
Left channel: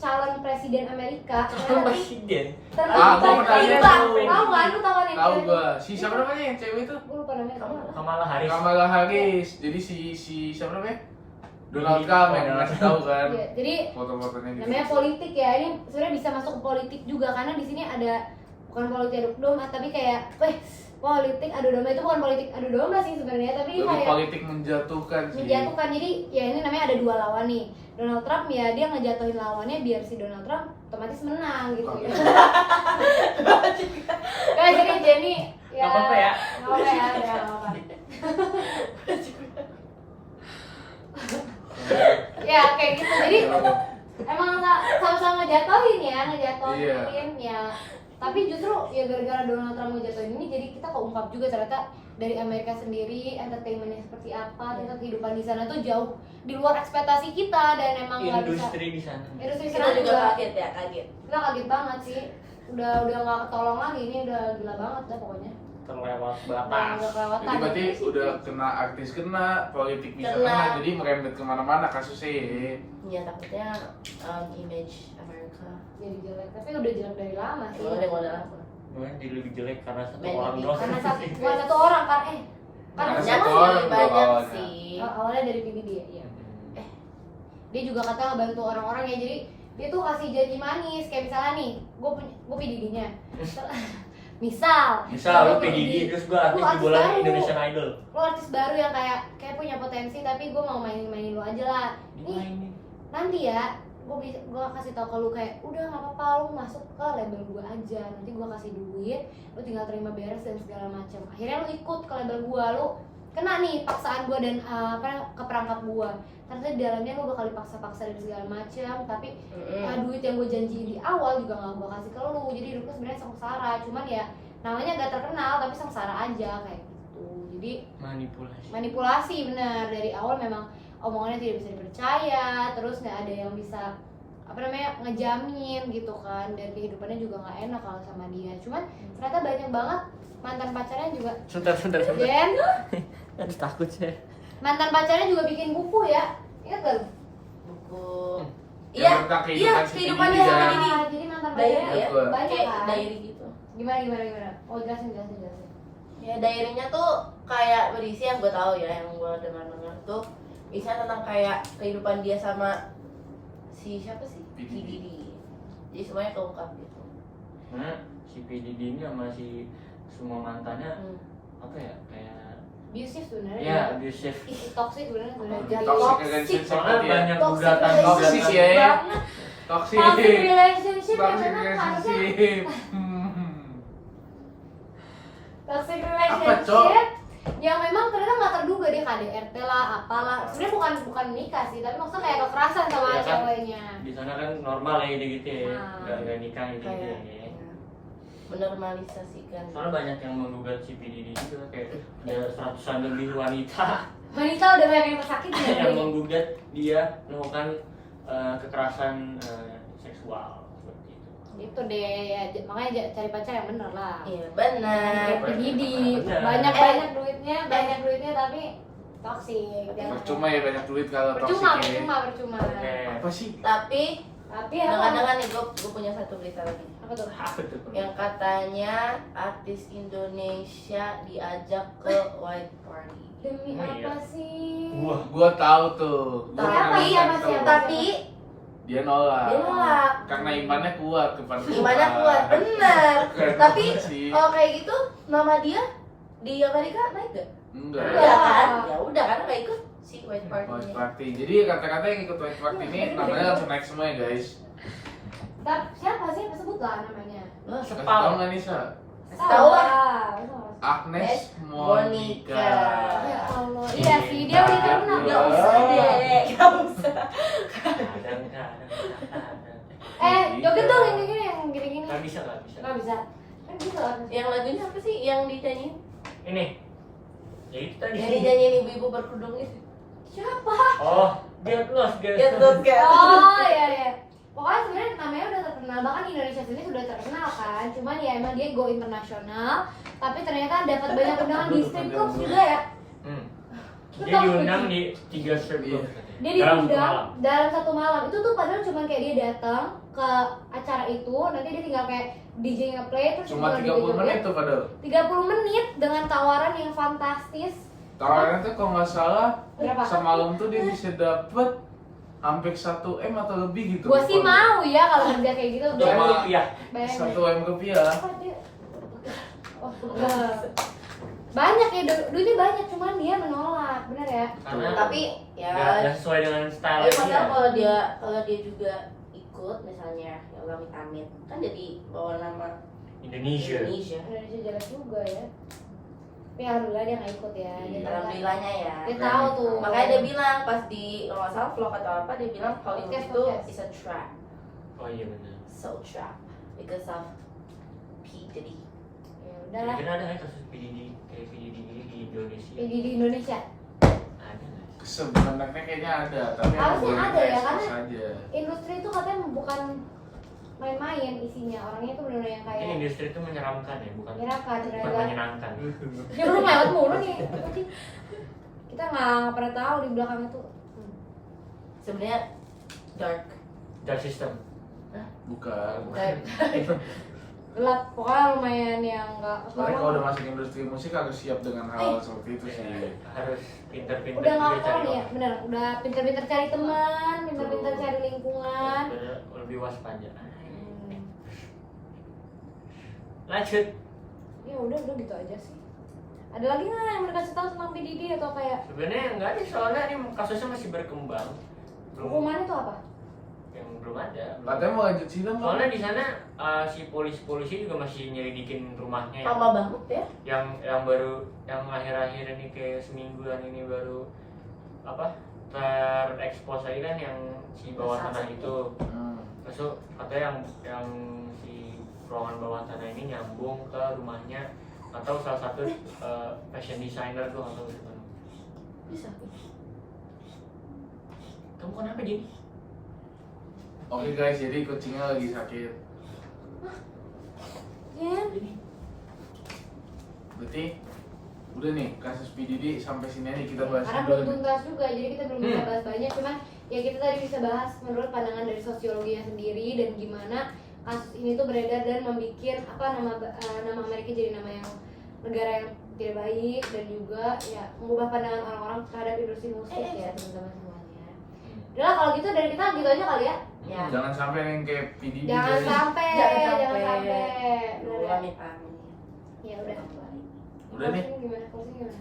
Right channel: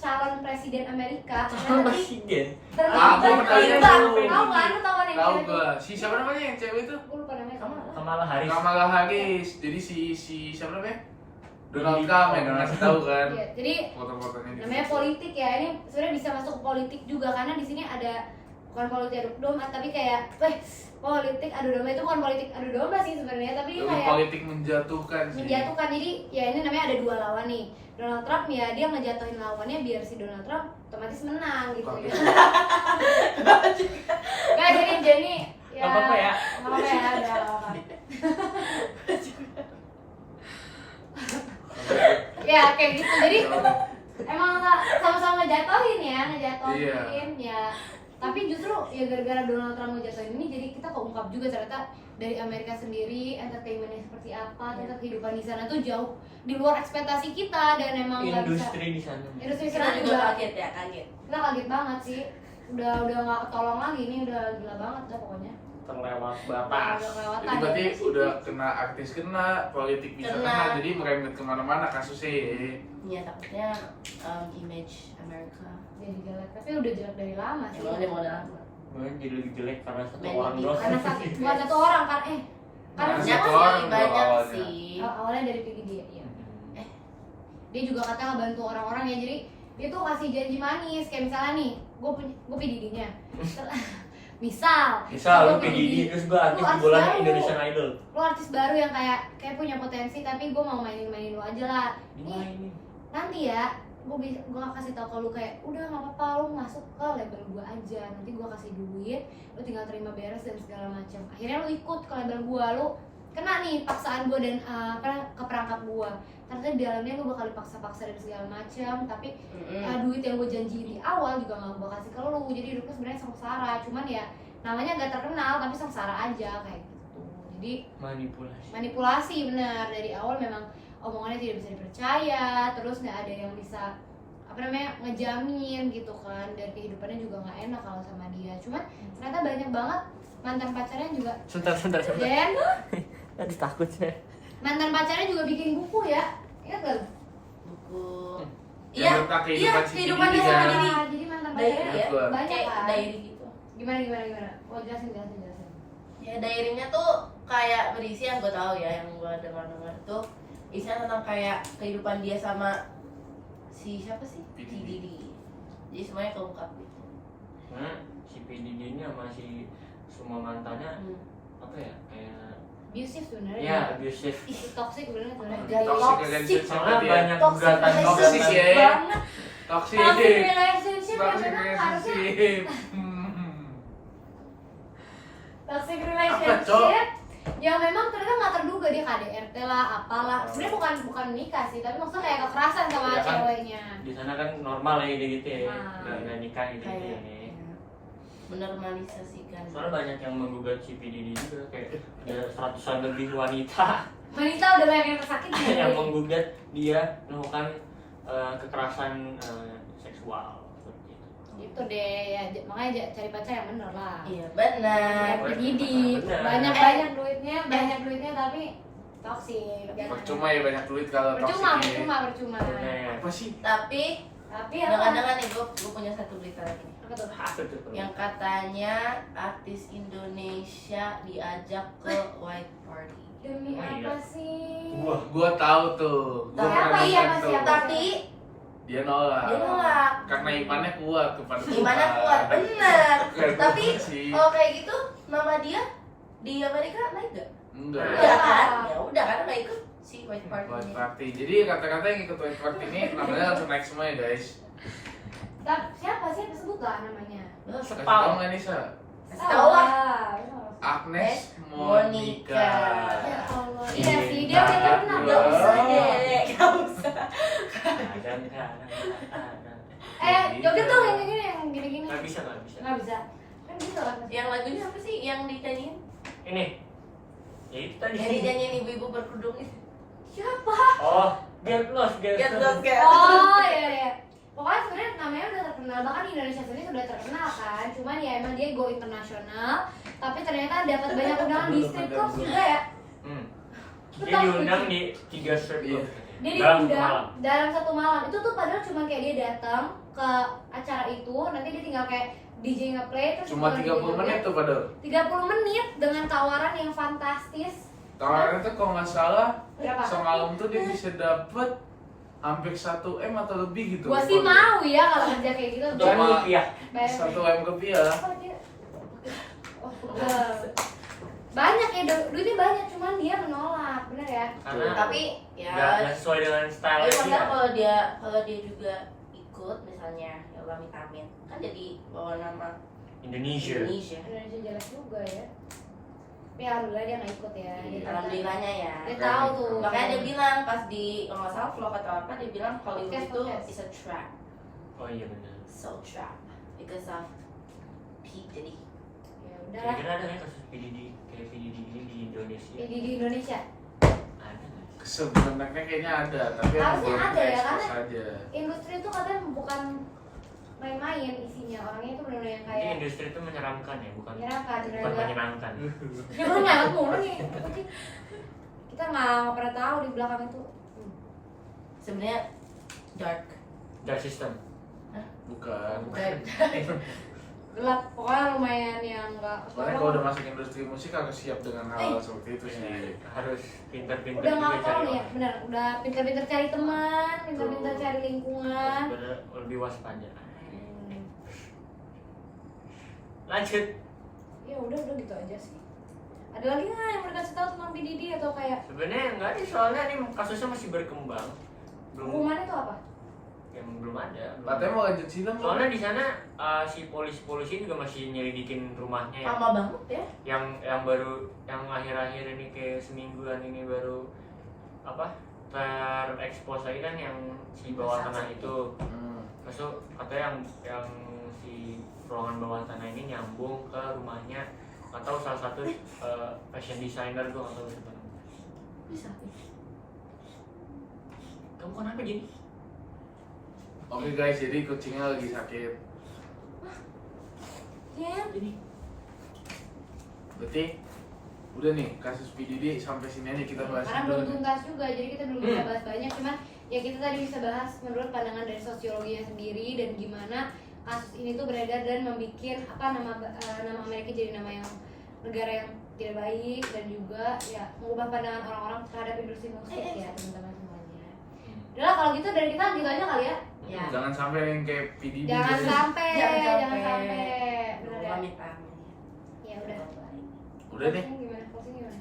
calon presiden Amerika Presiden. Ah, gua pernah lihat tahu tuh. kan, lu tahu kan yang Tahu cewek gua. Si siapa namanya yang cewek itu? Gue lupa namanya. Kamala Harris. Kamala Harris. Jadi si siapa namanya? Donald Trump yang ngasih tahu kan. Iya, jadi Foto-fotonya gitu. namanya politik ya, ini sebenarnya bisa masuk ke politik juga karena di sini ada bukan politik adu domba, tapi kayak politik adu domba. Itu bukan politik adu domba sih sebenarnya, tapi Lebih kayak politik menjatuhkan sih. menjatuhkan. Jadi ya ini namanya ada dua lawan nih. Donald Trump ya dia ngejatuhin lawannya biar si Donald Trump otomatis menang gitu. Oke. Kayak jadi Jenny ya. Gak apa-apa ya. Gak apa-apa ya, udah gak apa-apa. Ya kayak gitu. Jadi emang sama-sama ngejatuhin ya, ya. Tapi justru ya gara-gara Donald Trump ngejatuhin ini, jadi kita keungkap juga ternyata dari Amerika sendiri entertainmentnya seperti apa, ternyata kehidupan di sana tuh jauh di luar ekspektasi kita, dan emang nggak bisa. Industri di sana. Industri Kita sana juga juga kaget ya, kaget. kita kaget banget sih. Udah nggak ketolong lagi, ini udah gila banget dah pokoknya. terlewat batas. Jadi berarti udah kena artis kena, politik bisa kena, jadi merembet kemana-mana kasusnya. Iya takutnya image Amerika. Jadi jelek, tapi udah jelek dari lama sih. Emang udah lama. Mungkin jadi lebih jelek karena satu Banyak orang nih. doang. Karena bukan satu orang kan Karena Banyak satu sih, orang banyak awalnya. sih. awalnya dari PDD ya. Dia juga kata ngebantu orang-orang ya, jadi dia tuh kasih janji manis kayak misalnya nih, gue PDD-nya. Misal Lu gua PDD terus gue artis Lu di artis bola baru. Indonesian Idol. Lo artis baru yang kayak punya potensi, tapi gue mau mainin lo aja lah. Nih Dimainin. nanti ya, gue kasih tau ke lu kayak udah nggak apa-apa, lu masuk ke label gue aja, nanti gue kasih duit, lu tinggal terima beres dan segala macam. Akhirnya lu ikut ke label gue, lu kena nih paksaan gue dan keperangkap gue. Ternyata di dalamnya lu bakal dipaksa-paksa dan segala macam, tapi duit yang gue janjiin di awal juga nggak gue kasih ke lu, jadi hidup lu sebenarnya sengsara. Cuman ya namanya gak terkenal tapi sengsara aja kayak gitu. Jadi manipulasi benar, dari awal memang omongannya tidak bisa dipercaya, terus nggak ada yang bisa ngejamin gitu kan, dan kehidupannya juga nggak enak kalau sama dia. Cuman ternyata banyak banget mantan pacarnya juga. Sebentar. Jen, Tadi takut saya. mantan pacarnya juga bikin buku ya, ingat gak? Buku. Yang Iya, tentang iya, kehidupan si kehidupannya Didi sama kan. Didi. Jadi mantan Diary pacarnya ya? banyak Kayak kan. diary gitu. Gimana? Oh jelasin. Ya diary-nya tuh kayak berisi yang gue tahu ya, yang gue dengar tuh bisa tentang kayak kehidupan dia sama si siapa sih? Si PDD. Didi. Jadi semuanya keungkap gitu. Nah, si PDD ini sama si semua mantannya apa ya, kayak Abusive sebenarnya. ya abusive. Toxic sebenarnya. Toxic relationship Soalnya dia. banyak Toxic gugatan Toxic ya. banget. Toxic. Toxic relationship yang Toxic memang harusnya relationship. toxic Cok? relationship yang memang ternyata nggak terduga, dia KDRT lah, apalah. Sebenarnya bukan menikah sih, tapi maksudnya kayak kekerasan sama Iya kan? ceweknya. Di sana kan normal ya gitu ya. Nah. Udah nikah gitu ya. Menormalisasikan. Soalnya banyak yang menggugat si PDD juga, kayak ada ratusan lebih wanita Wanita udah banyak yang tersakiti ya. yang menggugat dia melakukan kekerasan seksual seperti itu. Itu deh ya, makanya cari pacar yang bener lah. Iya benar. PDD Bener. banyak duitnya tapi toxic. Percuma ya banyak duit kalau toxic ini. Percuma. Oke. Apa sih? Tapi Tapi jangan-jangan nih gue punya satu berita lagi. apa tuh? Yang katanya artis Indonesia diajak ke white party. Demi Oh, iya. apa sih? Gua tahu tuh. Gua Tapi pernah iya, nonton tuh. Tapi Dia nolak. dia nolak. Karena imannya kuat kepada Tuhan. Gimana kuat? Bener. Keren Tapi banget sih. kalau kayak gitu nama dia di Amerika naik gak? Enggak. Enggak kan? Ya udah kan nggak ikut si white White party. party. Jadi kata-kata yang ikut white party ini namanya langsung naik semua ya guys. Siapa sih? Sebut lah namanya. Kasih tau nggak nih Sa? Tahu lah. Agnes Monica. Monica. Ya Allah. Iya sih, dia udah terkenal. Gak usah deh, gak usah. Joget dong yang gini-gini. Nggak bisa. Nggak bisa. Kan bisa kan? Yang lagunya apa sih yang dinyanyiin? Ini. Ya itu tadi. Yang dinyanyiin ibu-ibu berkerudung itu. Siapa? Oh, get lost. Get lost kayak. Oh iya. Pokoknya sebenarnya namanya udah terkenal, bahkan di Indonesia sendiri sudah terkenal kan. Cuman ya emang dia go internasional, tapi ternyata dapat banyak undangan di strip club juga ya. Dia diundang di 3 strip club. Dia Dalam diundang satu malam. dalam satu malam. Itu tuh padahal cuman kayak dia datang ke acara itu, nanti dia tinggal kayak DJ nge-play terus Cuma tinggal 30 menit tuh padahal. 30 menit dengan tawaran yang fantastis. Tawarannya tuh kalau nggak salah Berapa? semalam tuh dia bisa dapet hampir 1 M atau lebih gitu. Gua sih mau ya kalau kerja kayak gitu. Untuk Cuma- rupiah. Bayangin. 1 M rupiah. Apa dia? Oh, banyak ya, duitnya banyak, cuman dia menolak, bener ya? Karena Tapi ya. nggak sesuai dengan style Tapi padahal dia. kalau dia juga ikut misalnya ya amit-amit kan jadi bawa nama Indonesia. Indonesia. Indonesia jelek juga ya. Tapi alhamdulillah dia nggak ikut ya. Iya. Alhamdulillahnya ya. Dia tahu tuh. Makanya dia bilang pas di kalau nggak salah vlog atau apa dia bilang Hollywood Podcast, itu podcast. is a trap, Oh iya benar. so trap because of P Diddy. Ya udahlah. Kira-kira ada nggak kasus PDD kayak PDD ini di Indonesia? Ini di Indonesia. Ada nggak? Sebenarnya kayaknya ada, tapi Harusnya belum ada ya, ekspos karena- aja. Industri itu katanya bukan main-main isinya. Orangnya tuh benar-benar yang Ini kayak industri itu menyeramkan ya, bukan menyeramkan, bukan benar-benar. menyenangkan. Ya lu lewat mulu nih. Kita nggak pernah tahu di belakang itu. Sebenarnya dark. Dark system. Bukan. Gelap, pokoknya lumayan yang nggak. Soalnya kalau udah masuk industri musik harus siap dengan hal seperti itu sih. Harus pinter-pinter udah juga nggak tahu cari nih ya, orang. benar. Udah pinter-pinter cari teman, pinter-pinter cari lingkungan. Lebih waspada. Lanjut. Ya udah gitu aja sih. Ada lagi nggak yang mereka kasih tahu tentang PDD atau kayak Sebenarnya enggak nih, soalnya ini kasusnya masih berkembang. Belum hukumannya tuh apa? yang belum ada. Katanya mau lanjut sidang mau. Soalnya di sana si polisi juga masih nyelidikin rumahnya Lama banget ya. yang baru yang akhir-akhir ini kayak semingguan ini baru apa terekspos lagi kan yang si bawah tanah itu. Masuk katanya yang si ruangan bawah tanah ini nyambung ke rumahnya atau salah satu fashion designer tuh atau siapa. Bisa. Kamu kenapa Jin? Oke guys, jadi kucingnya lagi sakit. Ya. Berarti udah nih kasus PDD sampai sini aja kita bahas Karena dulu belum nih. tuntas juga, jadi kita belum bisa bahas banyak. Cuman ya kita tadi bisa bahas menurut pandangan dari sosiologinya sendiri dan gimana kasus ini tuh beredar dan membuat apa nama Amerika jadi nama yang negara yang tidak baik dan juga ya mengubah pandangan orang-orang terhadap industri musik ya teman-teman semuanya. Udah kalau gitu dari kita lanjut aja kali ya. Ya. Jangan sampai yang kayak PDD Jangan guys. sampai, Jangan jangan sampai. sampai. Bener ya? Pamit pamit. Ya udah. Udah nih. Closing gimana? Closing gimana?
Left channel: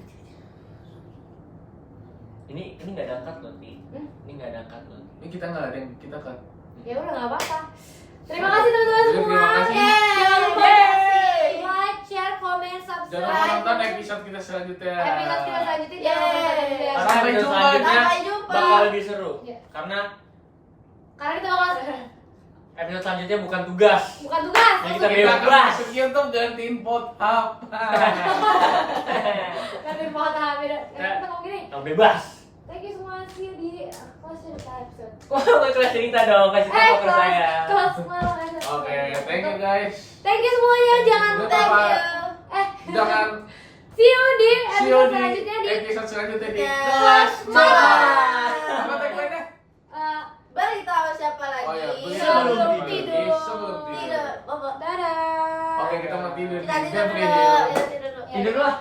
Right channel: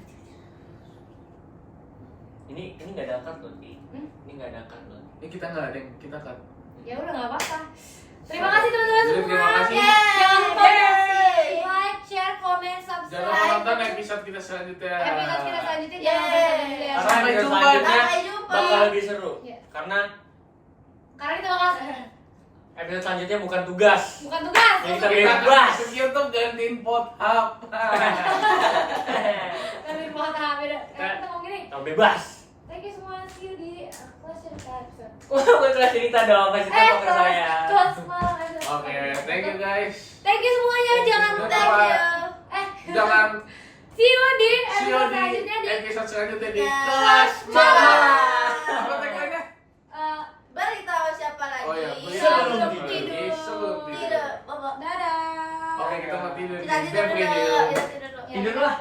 Ini nggak ada cut loh, Ti. Hmm? Ini nggak ada cut loh. Ini kita nggak ada yang kita cut. Ya udah nggak apa-apa. Terima kasih teman-teman Jadi, semua. terima kasih. Jangan lupa Yeay. like, share, comment, subscribe. Jangan lupa nonton episode kita selanjutnya. Episode kita selanjutnya jangan lupa subscribe ya. Karena Sampai episode jumpa. selanjutnya Sampai jumpa. bakal lebih seru. Ya. Karena Karena itu bakal episode selanjutnya bukan tugas. bukan tugas. Ya, kita Kita bebas. sekian tuh gantiin pothap. Karena mau tahap beda. Kita ngomong gini. Tahu bebas. Thank you semua, see you di closure episode. Wah, bukan kelas cerita dong, kasih tahu ke saya. Close malam episode. Oke, thank you guys. Thank you semuanya, jangan Jangan lupa. lupa. Jangan See you di see you episode di selanjutnya di episode selanjutnya di Ya. kelas Malam. malam. Apa tagline-nya? eh, Beritahu siapa lagi? Oh ya, Sebelum tidur. Sebelum tidur. Tidak, Bapak. dadah. Oke, kita mau tidur Kita nih. tidur Biar dulu. tidur. Kita tidur dulu. Tidur lah.